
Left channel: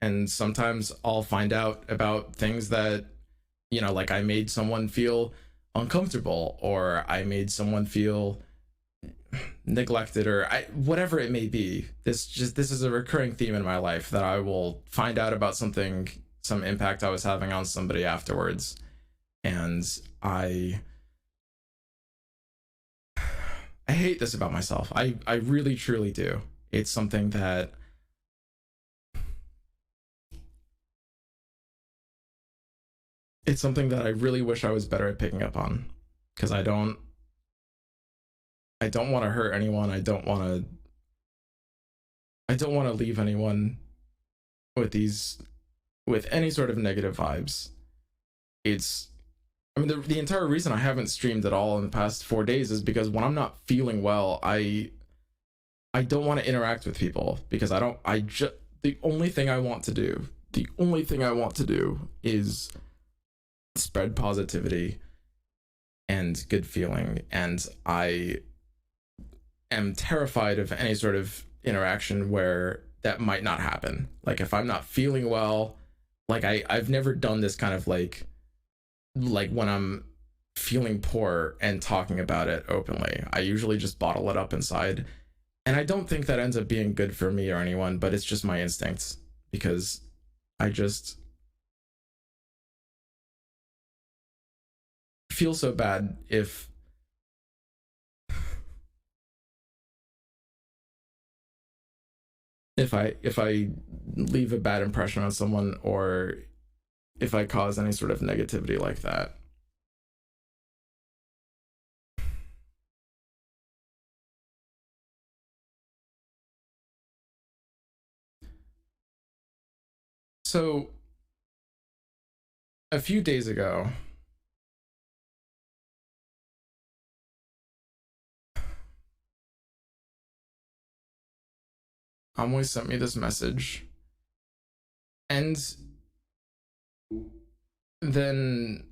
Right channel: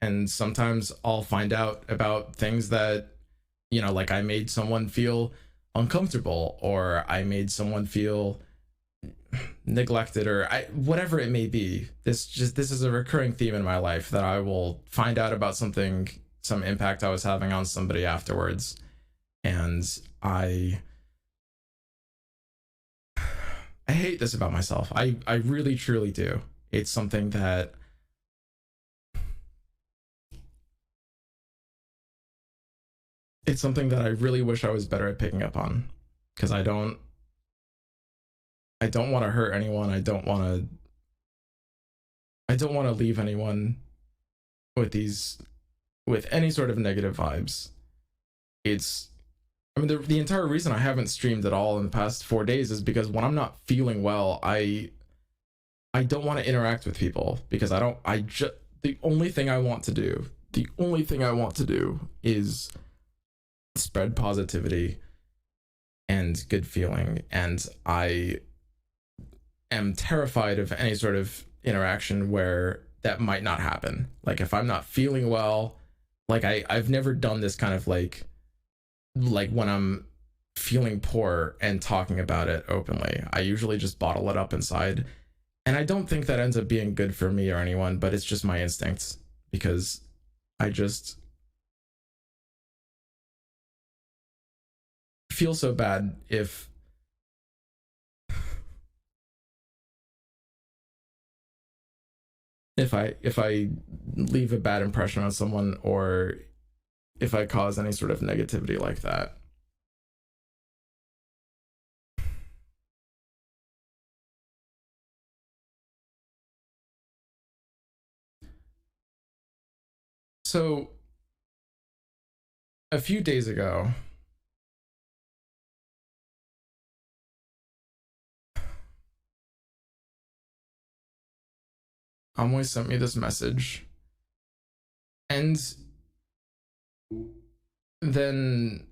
and sometimes I'll find out about things that, you know, like I made someone feel uncomfortable, or I made someone feel neglected, or whatever it may be. This is a recurring theme in my life, that I will find out about something, some impact I was having on somebody afterwards, and I hate this about myself. I really truly do. It's something that I really wish I was better at picking up on, because I don't want to hurt anyone. I don't want to leave anyone with any sort of negative vibes. I mean, the entire reason I haven't streamed at all in the past 4 days is because when I'm not feeling well, I don't want to interact with people, because the only thing I want to do is spread positivity and good feeling. And I am terrified of any sort of interaction where that might not happen. Like, if I'm not feeling well, like I've never done this kind of like when I'm feeling poor and talking about it openly. I usually just bottle it up inside. And I don't think that ends up being good for me or anyone, but it's just my instincts, because I just feel so bad if I leave a bad impression on someone, or if I cause any sort of negativity like that. So a few days ago, Amoy sent me this message and then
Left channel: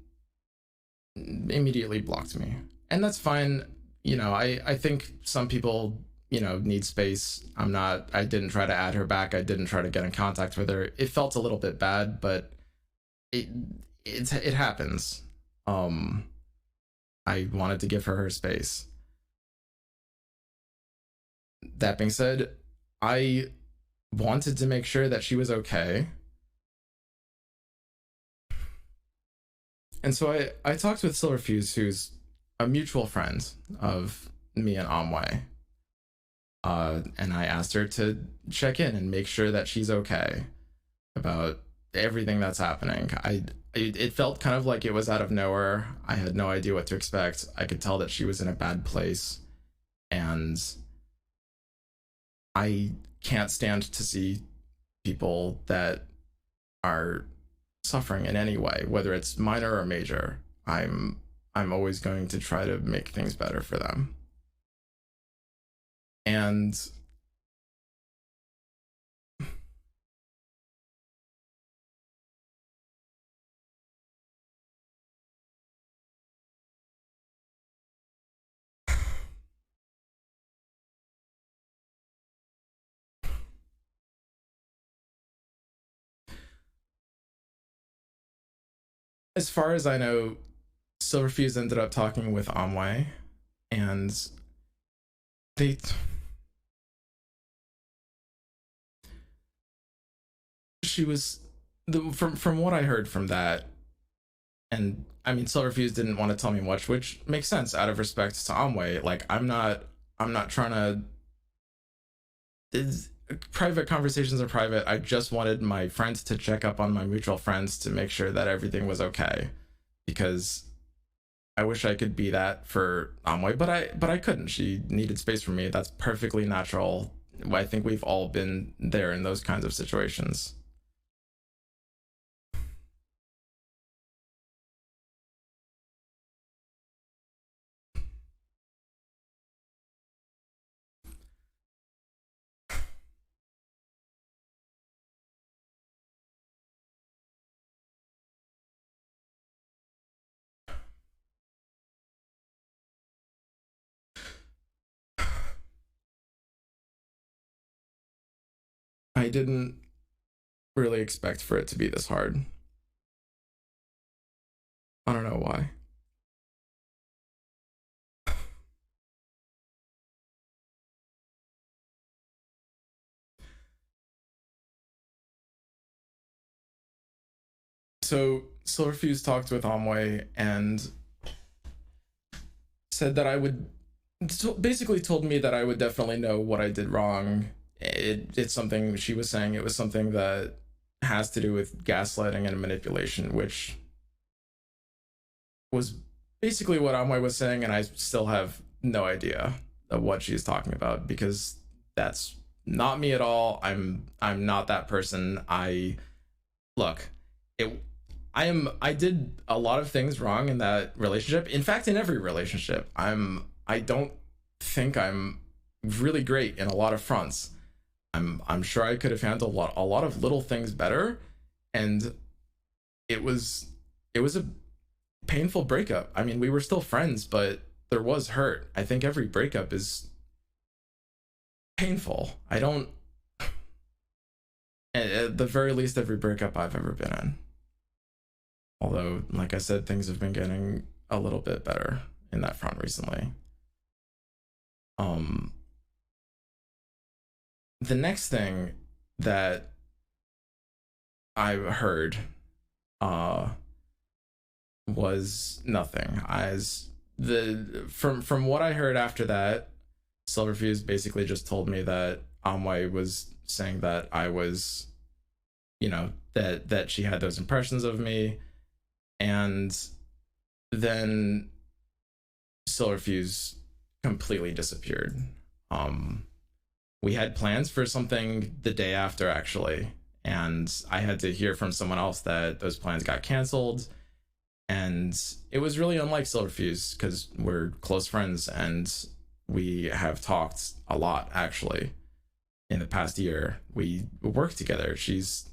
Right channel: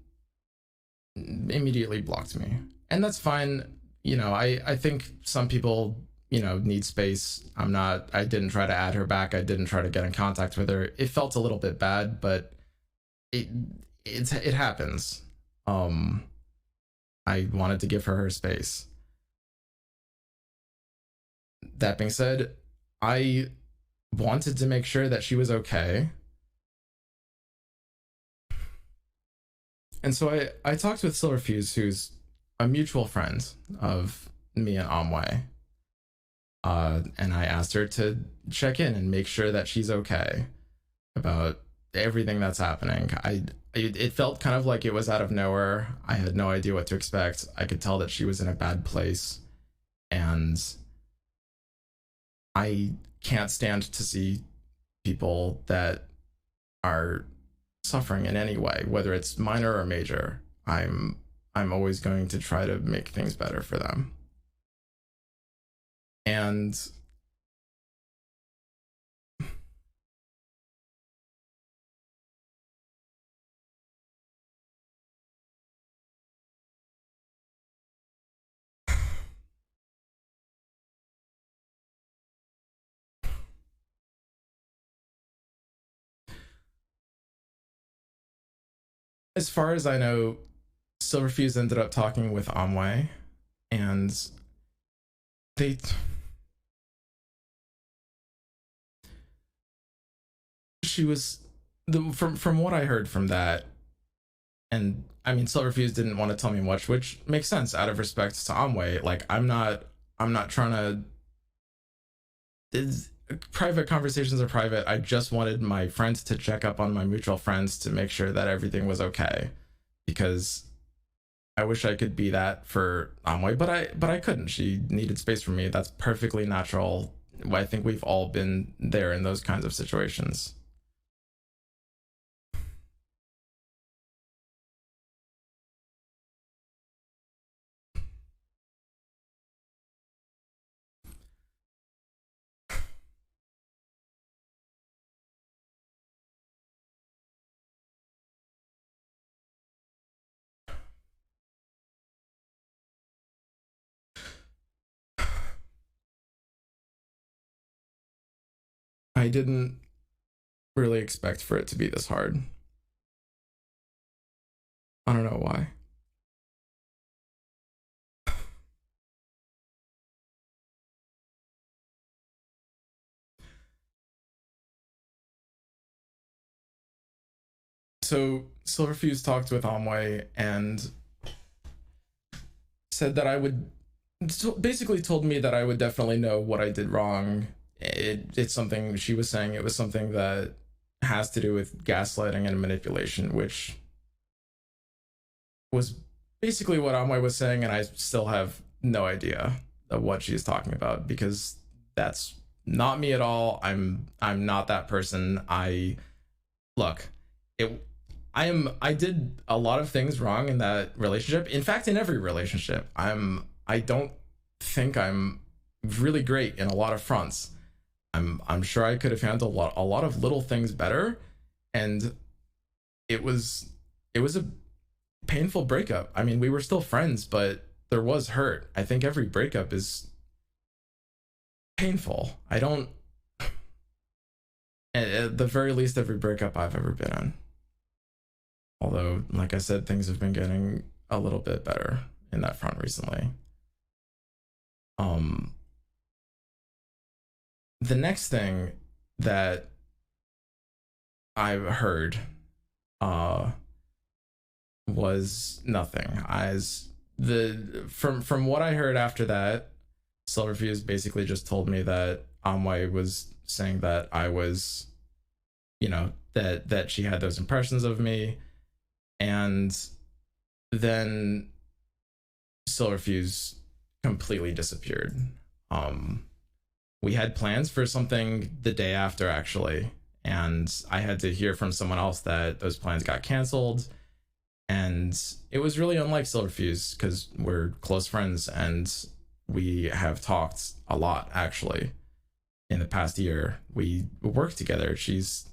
immediately blocked me. And that's fine. You know, I think some people, you know, need space. I didn't try to add her back. I didn't try to get in contact with her. It felt a little bit bad, but it happens. I wanted to give her space. That being said, I wanted to make sure that she was okay. And so I talked with Silverfuse, who's a mutual friend of me and Amway. And I asked her to check in and make sure that she's okay about everything that's happening. It felt kind of like it was out of nowhere. I had no idea what to expect. I could tell that she was in a bad place, and I can't stand to see people that are suffering in any way, whether it's minor or major. I'm always going to try to make things better for them. And as far as I know, Silverfuse ended up talking with Amway, and she was, from what I heard from that, and I mean, Silverfuse didn't want to tell me much, which makes sense out of respect to Amway. Like, I'm not trying to. Private conversations are private. I just wanted my friends to check up on my mutual friends to make sure that everything was okay, because I wish I could be that for Amway, but I couldn't. She needed space from me. That's perfectly natural. I think we've all been there in those kinds of situations. I didn't really expect for it to be this hard. I don't know why. So Silverfuse talked with Amway and said that I would, basically told me that I would definitely know what I did wrong. It's something, she was saying it was something that has to do with gaslighting and manipulation, which was basically what Amway was saying, and I still have no idea of what she's talking about, because that's not me at all. I'm not that person. I did a lot of things wrong in that relationship. In fact, in every relationship, I don't think I'm really great in a lot of fronts. I'm sure I could have handled a lot of little things better, and it was a painful breakup. I mean, we were still friends, but there was hurt. I think every breakup is painful. At the very least, every breakup I've ever been in. Although, like I said, things have been getting a little bit better in that front recently. The next thing that I heard was nothing. From what I heard after that, Silverfuse basically just told me that Amway was saying that I was that she had those impressions of me. And then Silverfuse completely disappeared. We had plans for something the day after, actually, and I had to hear from someone else that those plans got canceled. And it was really unlike Silverfuse, because we're close friends and we have talked a lot, actually. In the past year, we worked together. She's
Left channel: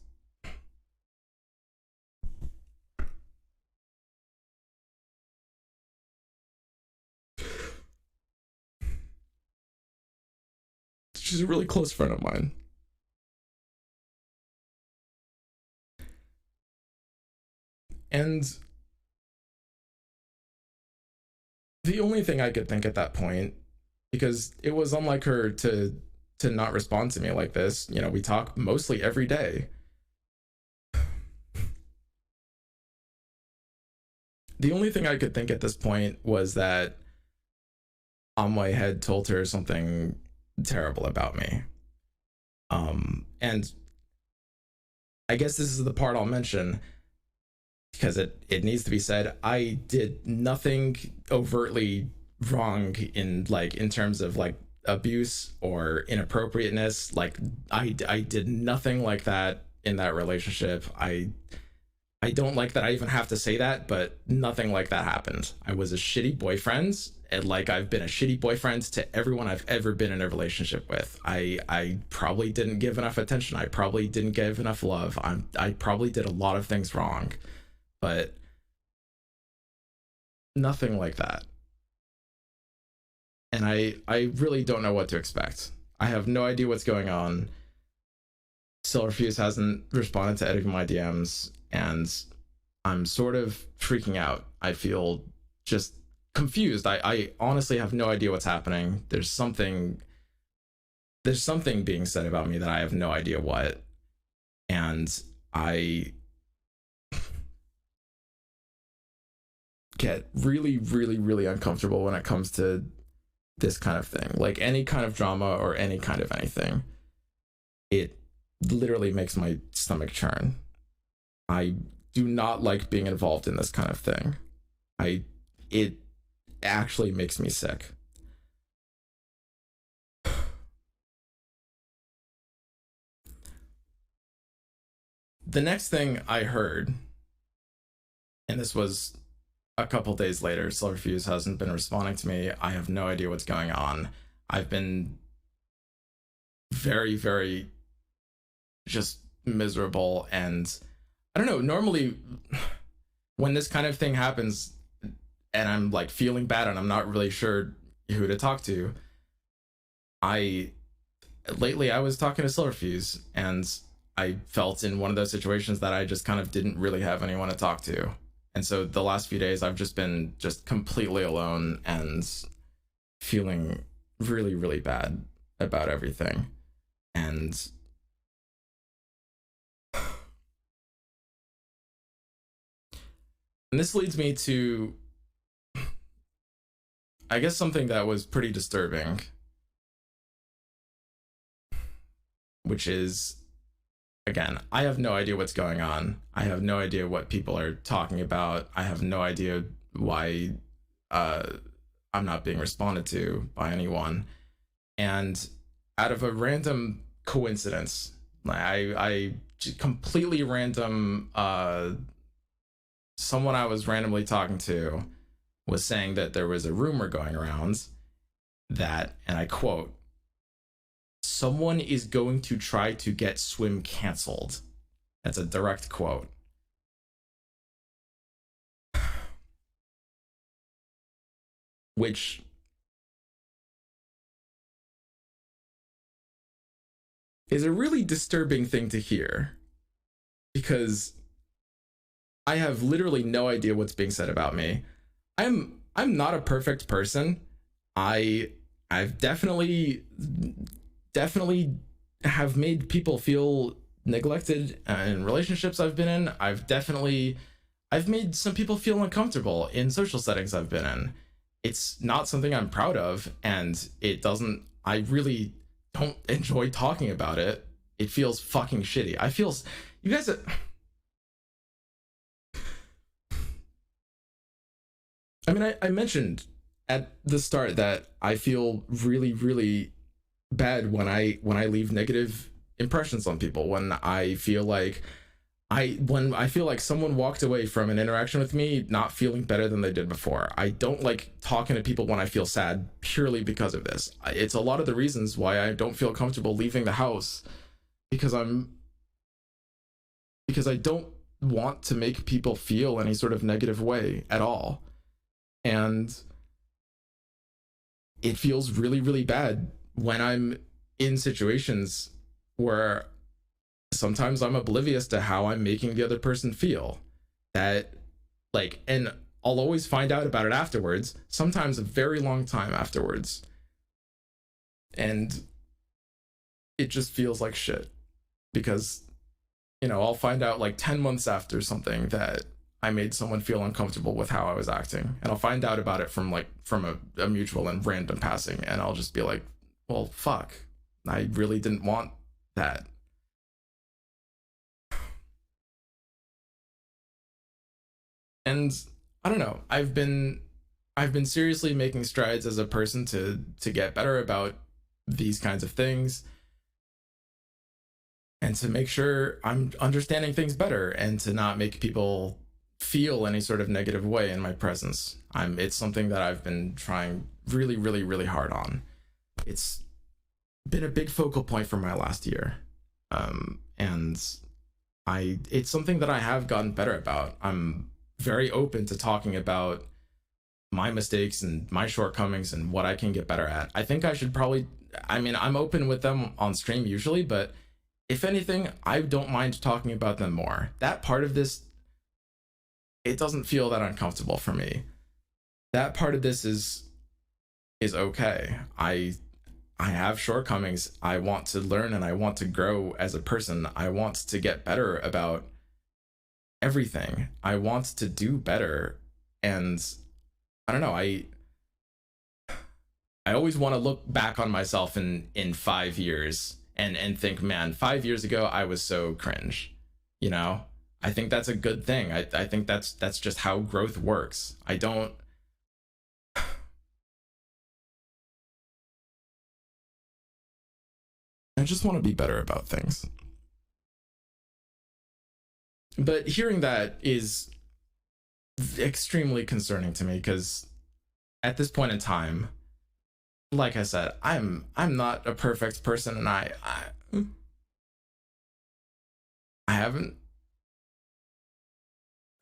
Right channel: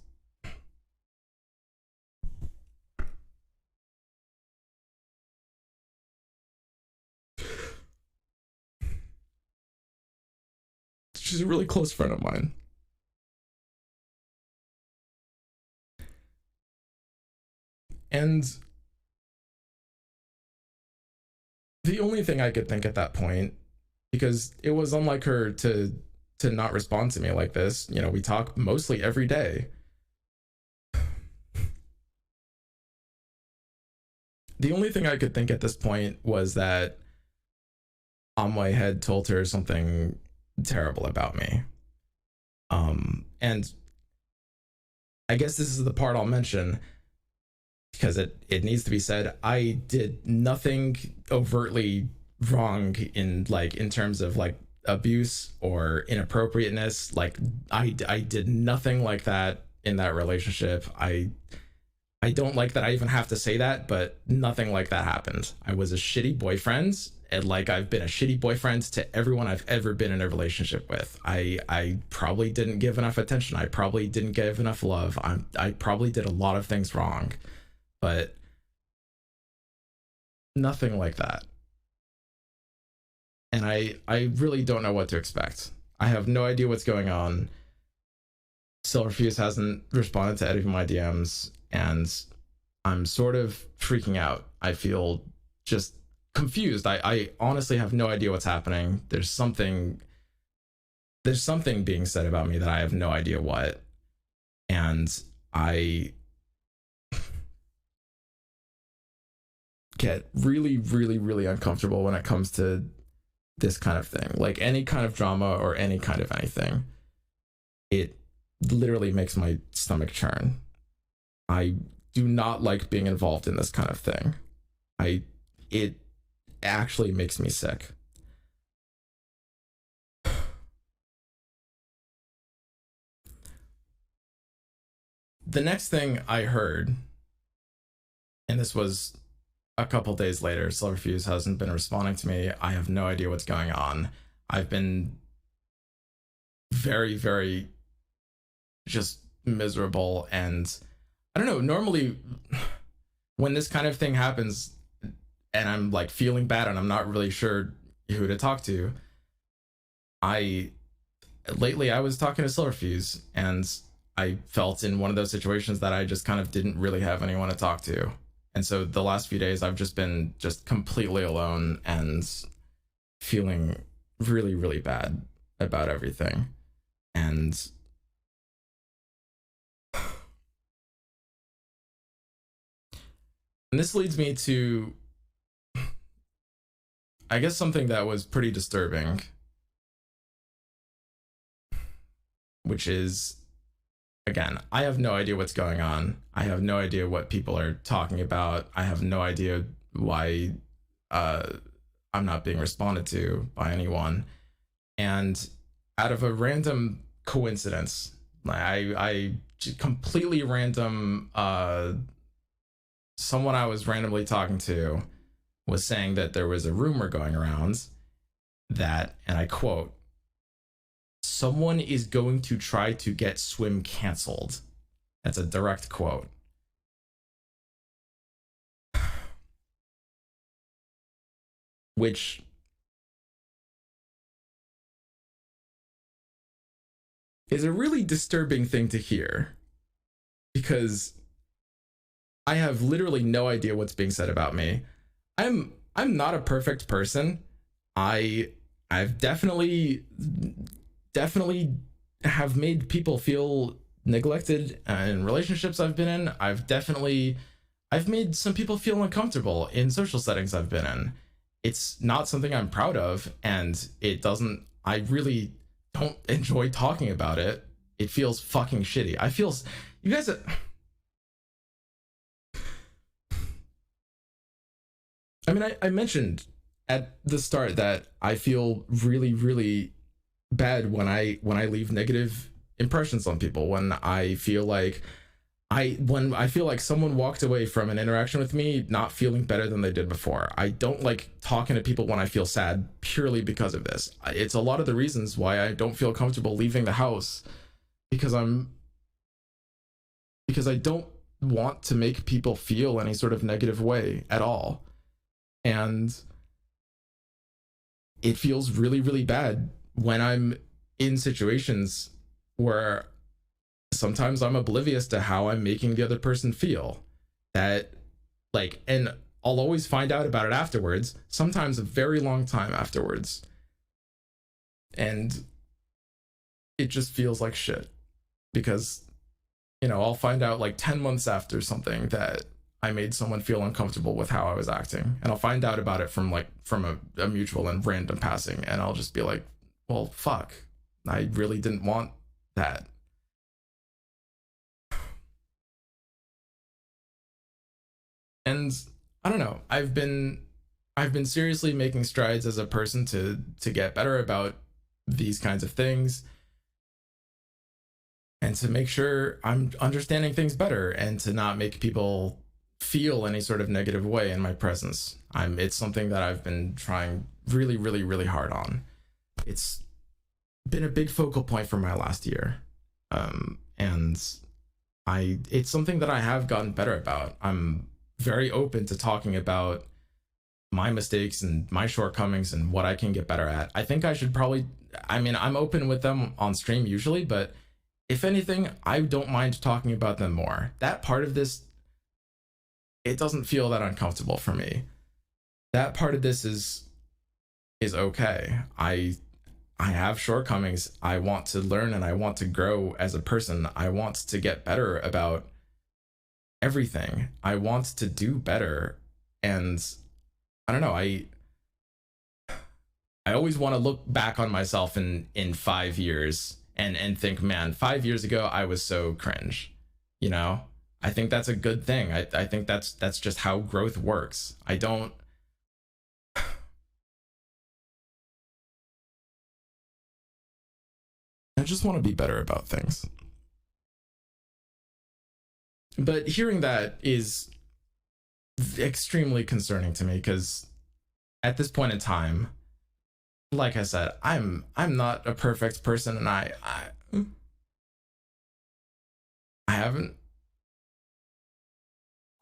a really close friend of mine. And the only thing I could think at that point, because it was unlike her to not respond to me like this, we talk mostly every day. The only thing I could think at this point was that Amway had told her something terrible about me. And I guess this is the part I'll mention, because it needs to be said. I did nothing overtly wrong in terms of abuse or inappropriateness. I did nothing like that in that relationship. I don't like that I even have to say that, but nothing like that happened. I was a shitty boyfriend, and I've been a shitty boyfriend to everyone I've ever been in a relationship with. I probably didn't give enough attention. I probably didn't give enough love. I probably did a lot of things wrong, but nothing like that. And I really don't know what to expect. I have no idea what's going on. Silverfuse hasn't responded to any of my DMs, and I'm sort of freaking out. I feel just confused. I honestly have no idea what's happening. There's something being said about me that I have no idea what. And I get really, really, really uncomfortable when it comes to this kind of thing. Any kind of drama or any kind of anything. It literally makes my stomach churn. I do not like being involved in this kind of thing. It actually makes me sick. The next thing I heard, and this was a couple days later, Silverfuse hasn't been responding to me. I have no idea what's going on. I've been very, very just miserable, and I don't know, normally when this kind of thing happens and I'm feeling bad and I'm not really sure who to talk to, lately I was talking to Silverfuse, and I felt in one of those situations that I just kind of didn't really have anyone to talk to. And so the last few days I've just been completely alone and feeling really, really bad about everything. And this leads me to, I guess, something that was pretty disturbing, which is, again, I have no idea what's going on. I have no idea what people are talking about. I have no idea why I'm not being responded to by anyone. And out of a random coincidence, I completely random, someone I was randomly talking to was saying that there was a rumor going around that, and I quote, "Someone is going to try to get Swim canceled." That's a direct quote. Which is a really disturbing thing to hear, because I have literally no idea what's being said about me. I'm not a perfect person. I've definitely have made people feel neglected in relationships I've been in. I've made some people feel uncomfortable in social settings I've been in. It's not something I'm proud of, and I really don't enjoy talking about it. It feels fucking shitty. You guys, I mean, I mentioned at the start that I feel really, really bad when I leave negative impressions on people. When I feel like someone walked away from an interaction with me not feeling better than they did before. I don't like talking to people when I feel sad purely because of this. It's a lot of the reasons why I don't feel comfortable leaving the house, because I don't want to make people feel any sort of negative way at all. And it feels really, really bad when I'm in situations where sometimes I'm oblivious to how I'm making the other person feel. That, like, and I'll always find out about it afterwards, sometimes a very long time afterwards. And it just feels like shit, because, you know, I'll find out like 10 months after something that I made someone feel uncomfortable with how I was acting, and I'll find out about it from a mutual and random passing, and I'll just be like, well, fuck, I really didn't want that. And I don't know, I've been seriously making strides as a person to get better about these kinds of things, and to make sure I'm understanding things better, and to not make people feel any sort of negative way in my presence. It's something that I've been trying really, really, really hard on. It's been a big focal point for my last year. And it's something that I have gotten better about. I'm very open to talking about my mistakes and my shortcomings and what I can get better at. I think I should probably, I mean, I'm open with them on stream usually, but if anything, I don't mind talking about them more. That part of this, it doesn't feel that uncomfortable for me. That part of this is okay. I have shortcomings. I want to learn and I want to grow as a person. I want to get better about everything. I want to do better. And I don't know, I always want to look back on myself in 5 years and think, man, 5 years ago I was so cringe, you know? I think that's a good thing. I think that's just how growth works. I just want to be better about things. But hearing that is extremely concerning to me, because at this point in time, like I said, I'm not a perfect person, and I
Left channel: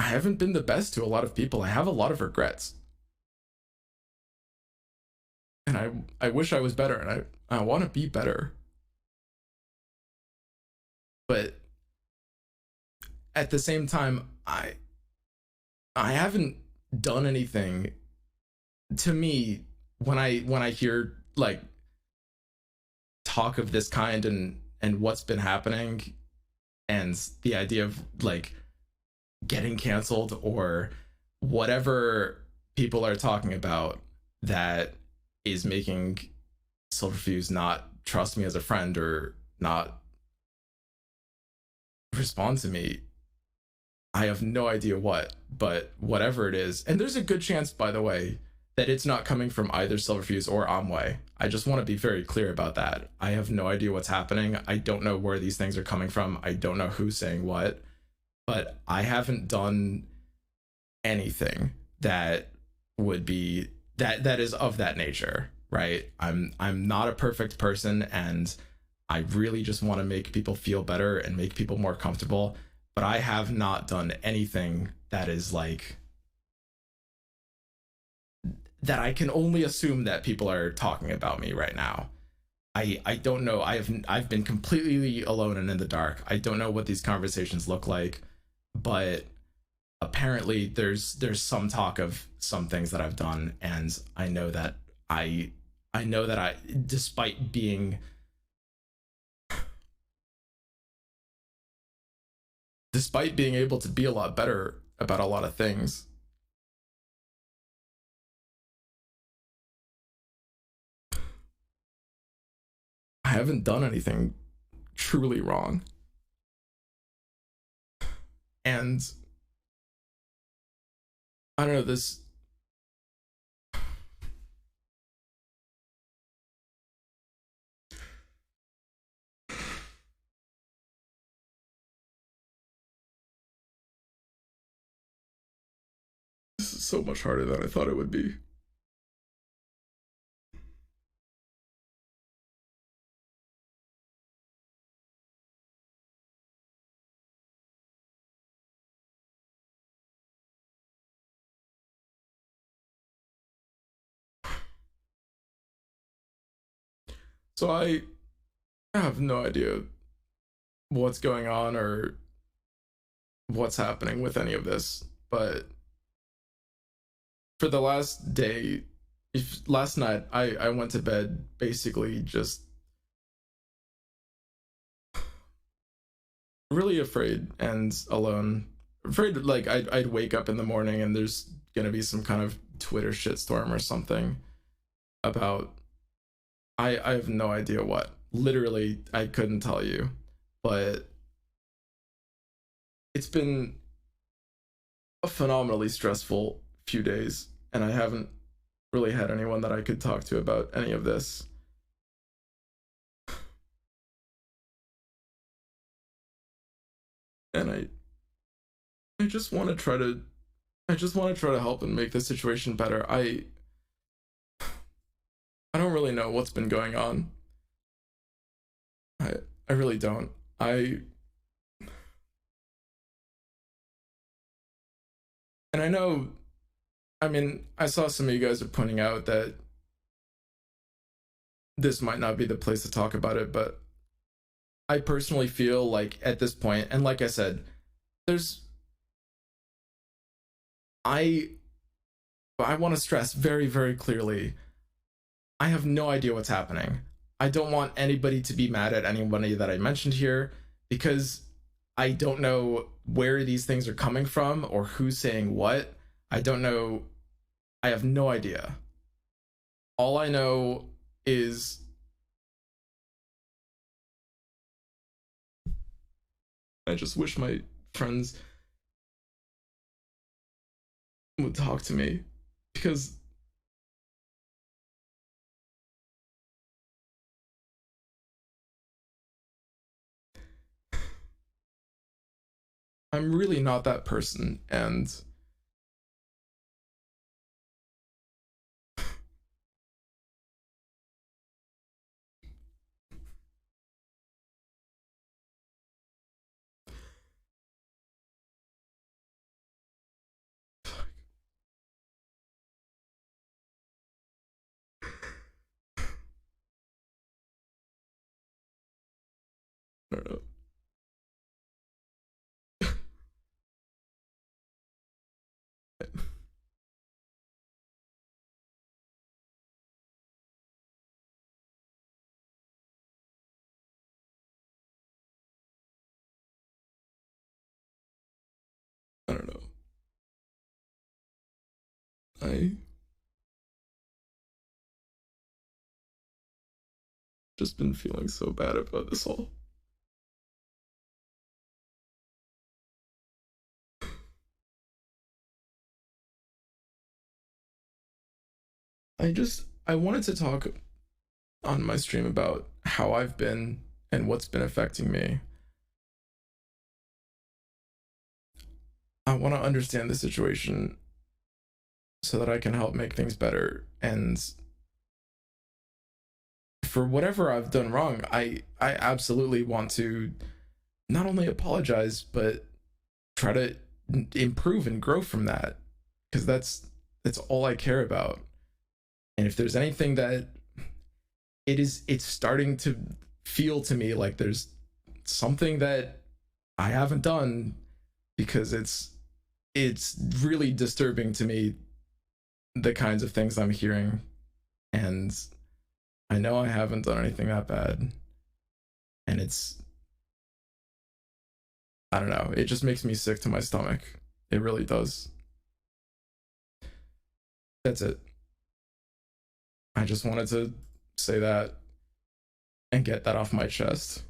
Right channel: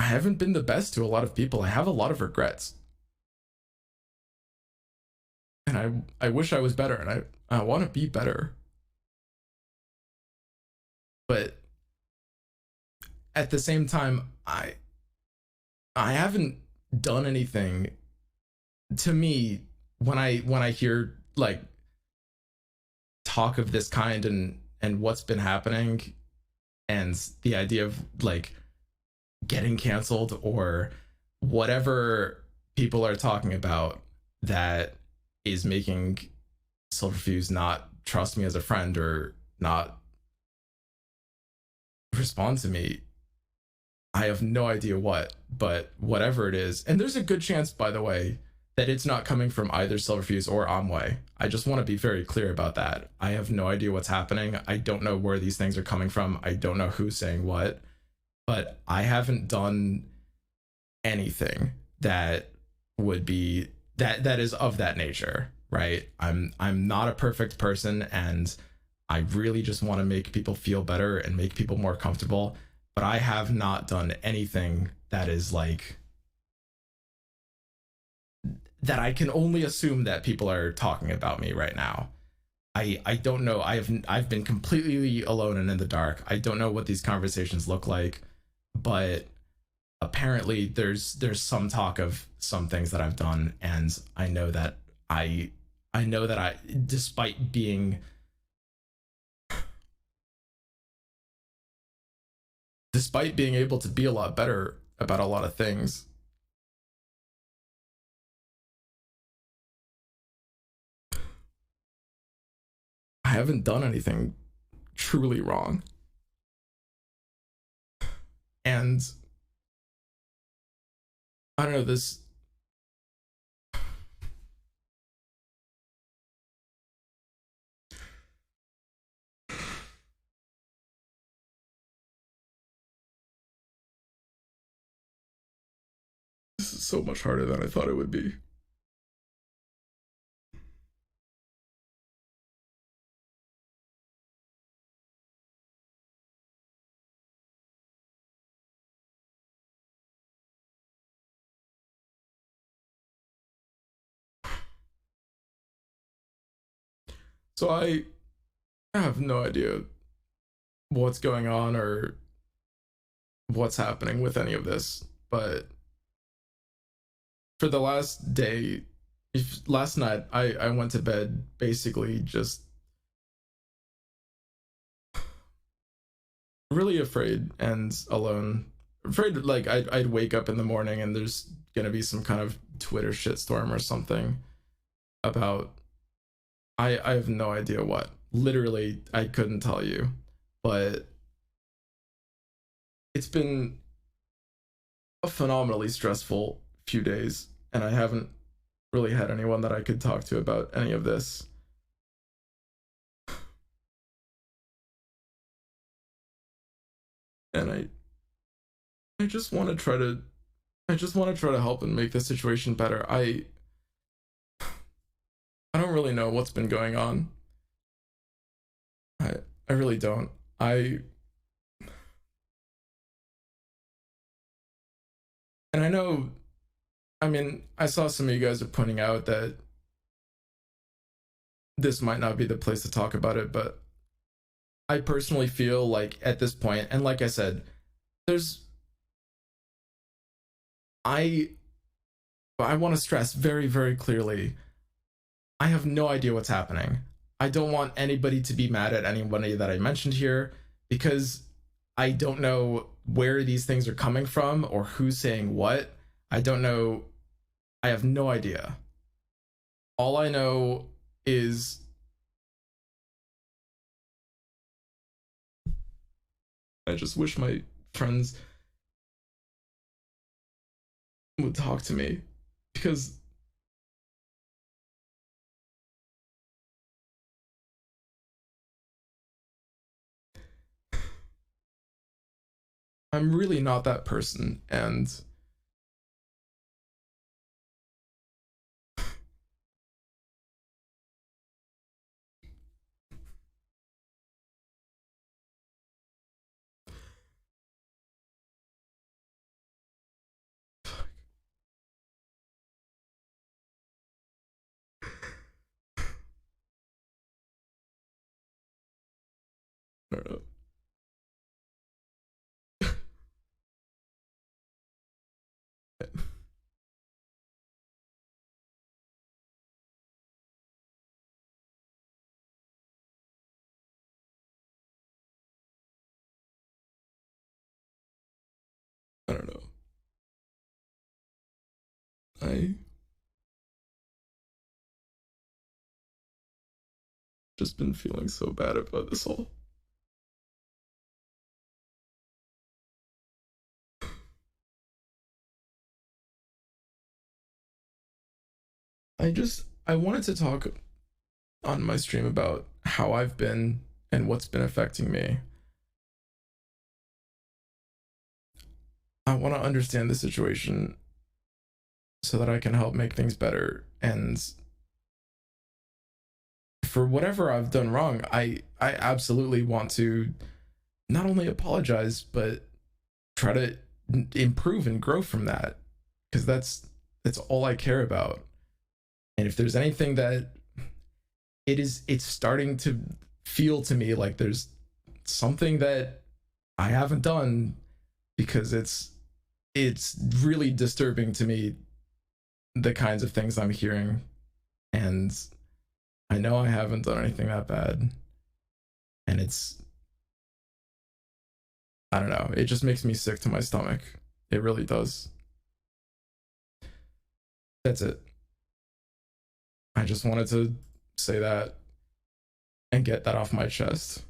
haven't been the best to a lot of people. I have a lot of regrets. And I wish I was better, and I want to be better. But at the same time, I haven't done anything. To me, when I hear like talk of this kind and what's been happening, and the idea of like getting canceled or whatever people are talking about that is making Silverfuse not trust me as a friend or not respond to me, I have no idea what, but whatever it is, and there's a good chance, by the way, that it's not coming from either Silverfuse or Amway. I just want to be very clear about that. I have no idea what's happening. I don't know where these things are coming from. I don't know who's saying what, but I haven't done anything that would be that is of that nature, right? I'm not a perfect person, and I really just want to make people feel better and make people more comfortable, but I have not done anything that is like that I can only assume that people are talking about me right now. I don't know. I've been completely alone and in the dark. I don't know what these conversations look like, but apparently there's some talk of some things that I've done, and I know that I despite being able to be a lot better about a lot of things, I haven't done anything truly wrong. And I don't know, this is so much harder than I thought it would be. So I have no idea what's going on or what's happening with any of this, but for the last day, last night, I went to bed basically just really afraid and alone. Afraid like I'd wake up in the morning and there's gonna be some kind of Twitter shitstorm or something about I have no idea what. Literally, I couldn't tell you, but it's been a phenomenally stressful few days, and I haven't really had anyone that I could talk to about any of this. And I just want to try to help and make the situation better. I don't really know what's been going on. I really don't. And I know, I mean, I saw some of you guys are pointing out that this might not be the place to talk about it, but I personally feel like at this point, and like I said, I want to stress very, very clearly, I have no idea what's happening. I don't want anybody to be mad at anybody that I mentioned here, because I don't know where these things are coming from or who's saying what. I don't know. I have no idea. All I know is I just wish my friends would talk to me, because I'm really not that person, and I don't know. I don't know. I just been feeling so bad about this all. I wanted to talk on my stream about how I've been and what's been affecting me. I want to understand the situation so that I can help make things better. And for whatever I've done wrong, I absolutely want to not only apologize, but try to improve and grow from that, because that's all I care about. And if there's anything that it's starting to feel to me like there's something that I haven't done, because it's really disturbing to me, the kinds of things I'm hearing. And I know I haven't done anything that bad, and I don't know, it just makes me sick to my stomach. It really does. That's it. I just wanted to say that and get that off my chest.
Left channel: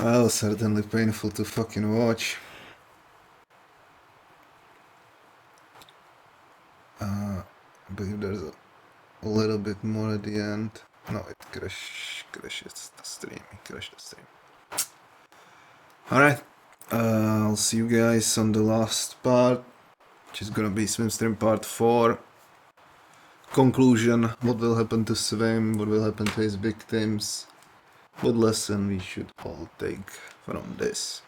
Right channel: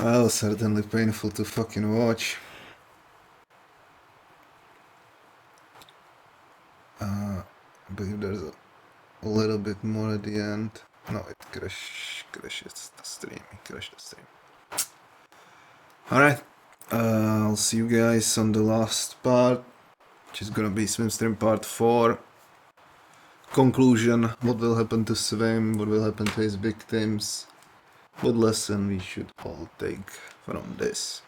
Well, certainly painful to fucking watch. I believe there's a little bit more at the end. No, it crashes the stream. It crashed the stream. Alright, I'll see you guys on the last part, which is gonna be Swimstrim part 4. Conclusion, what will happen to Swim, what will happen to his victims, what lesson we should all take from this.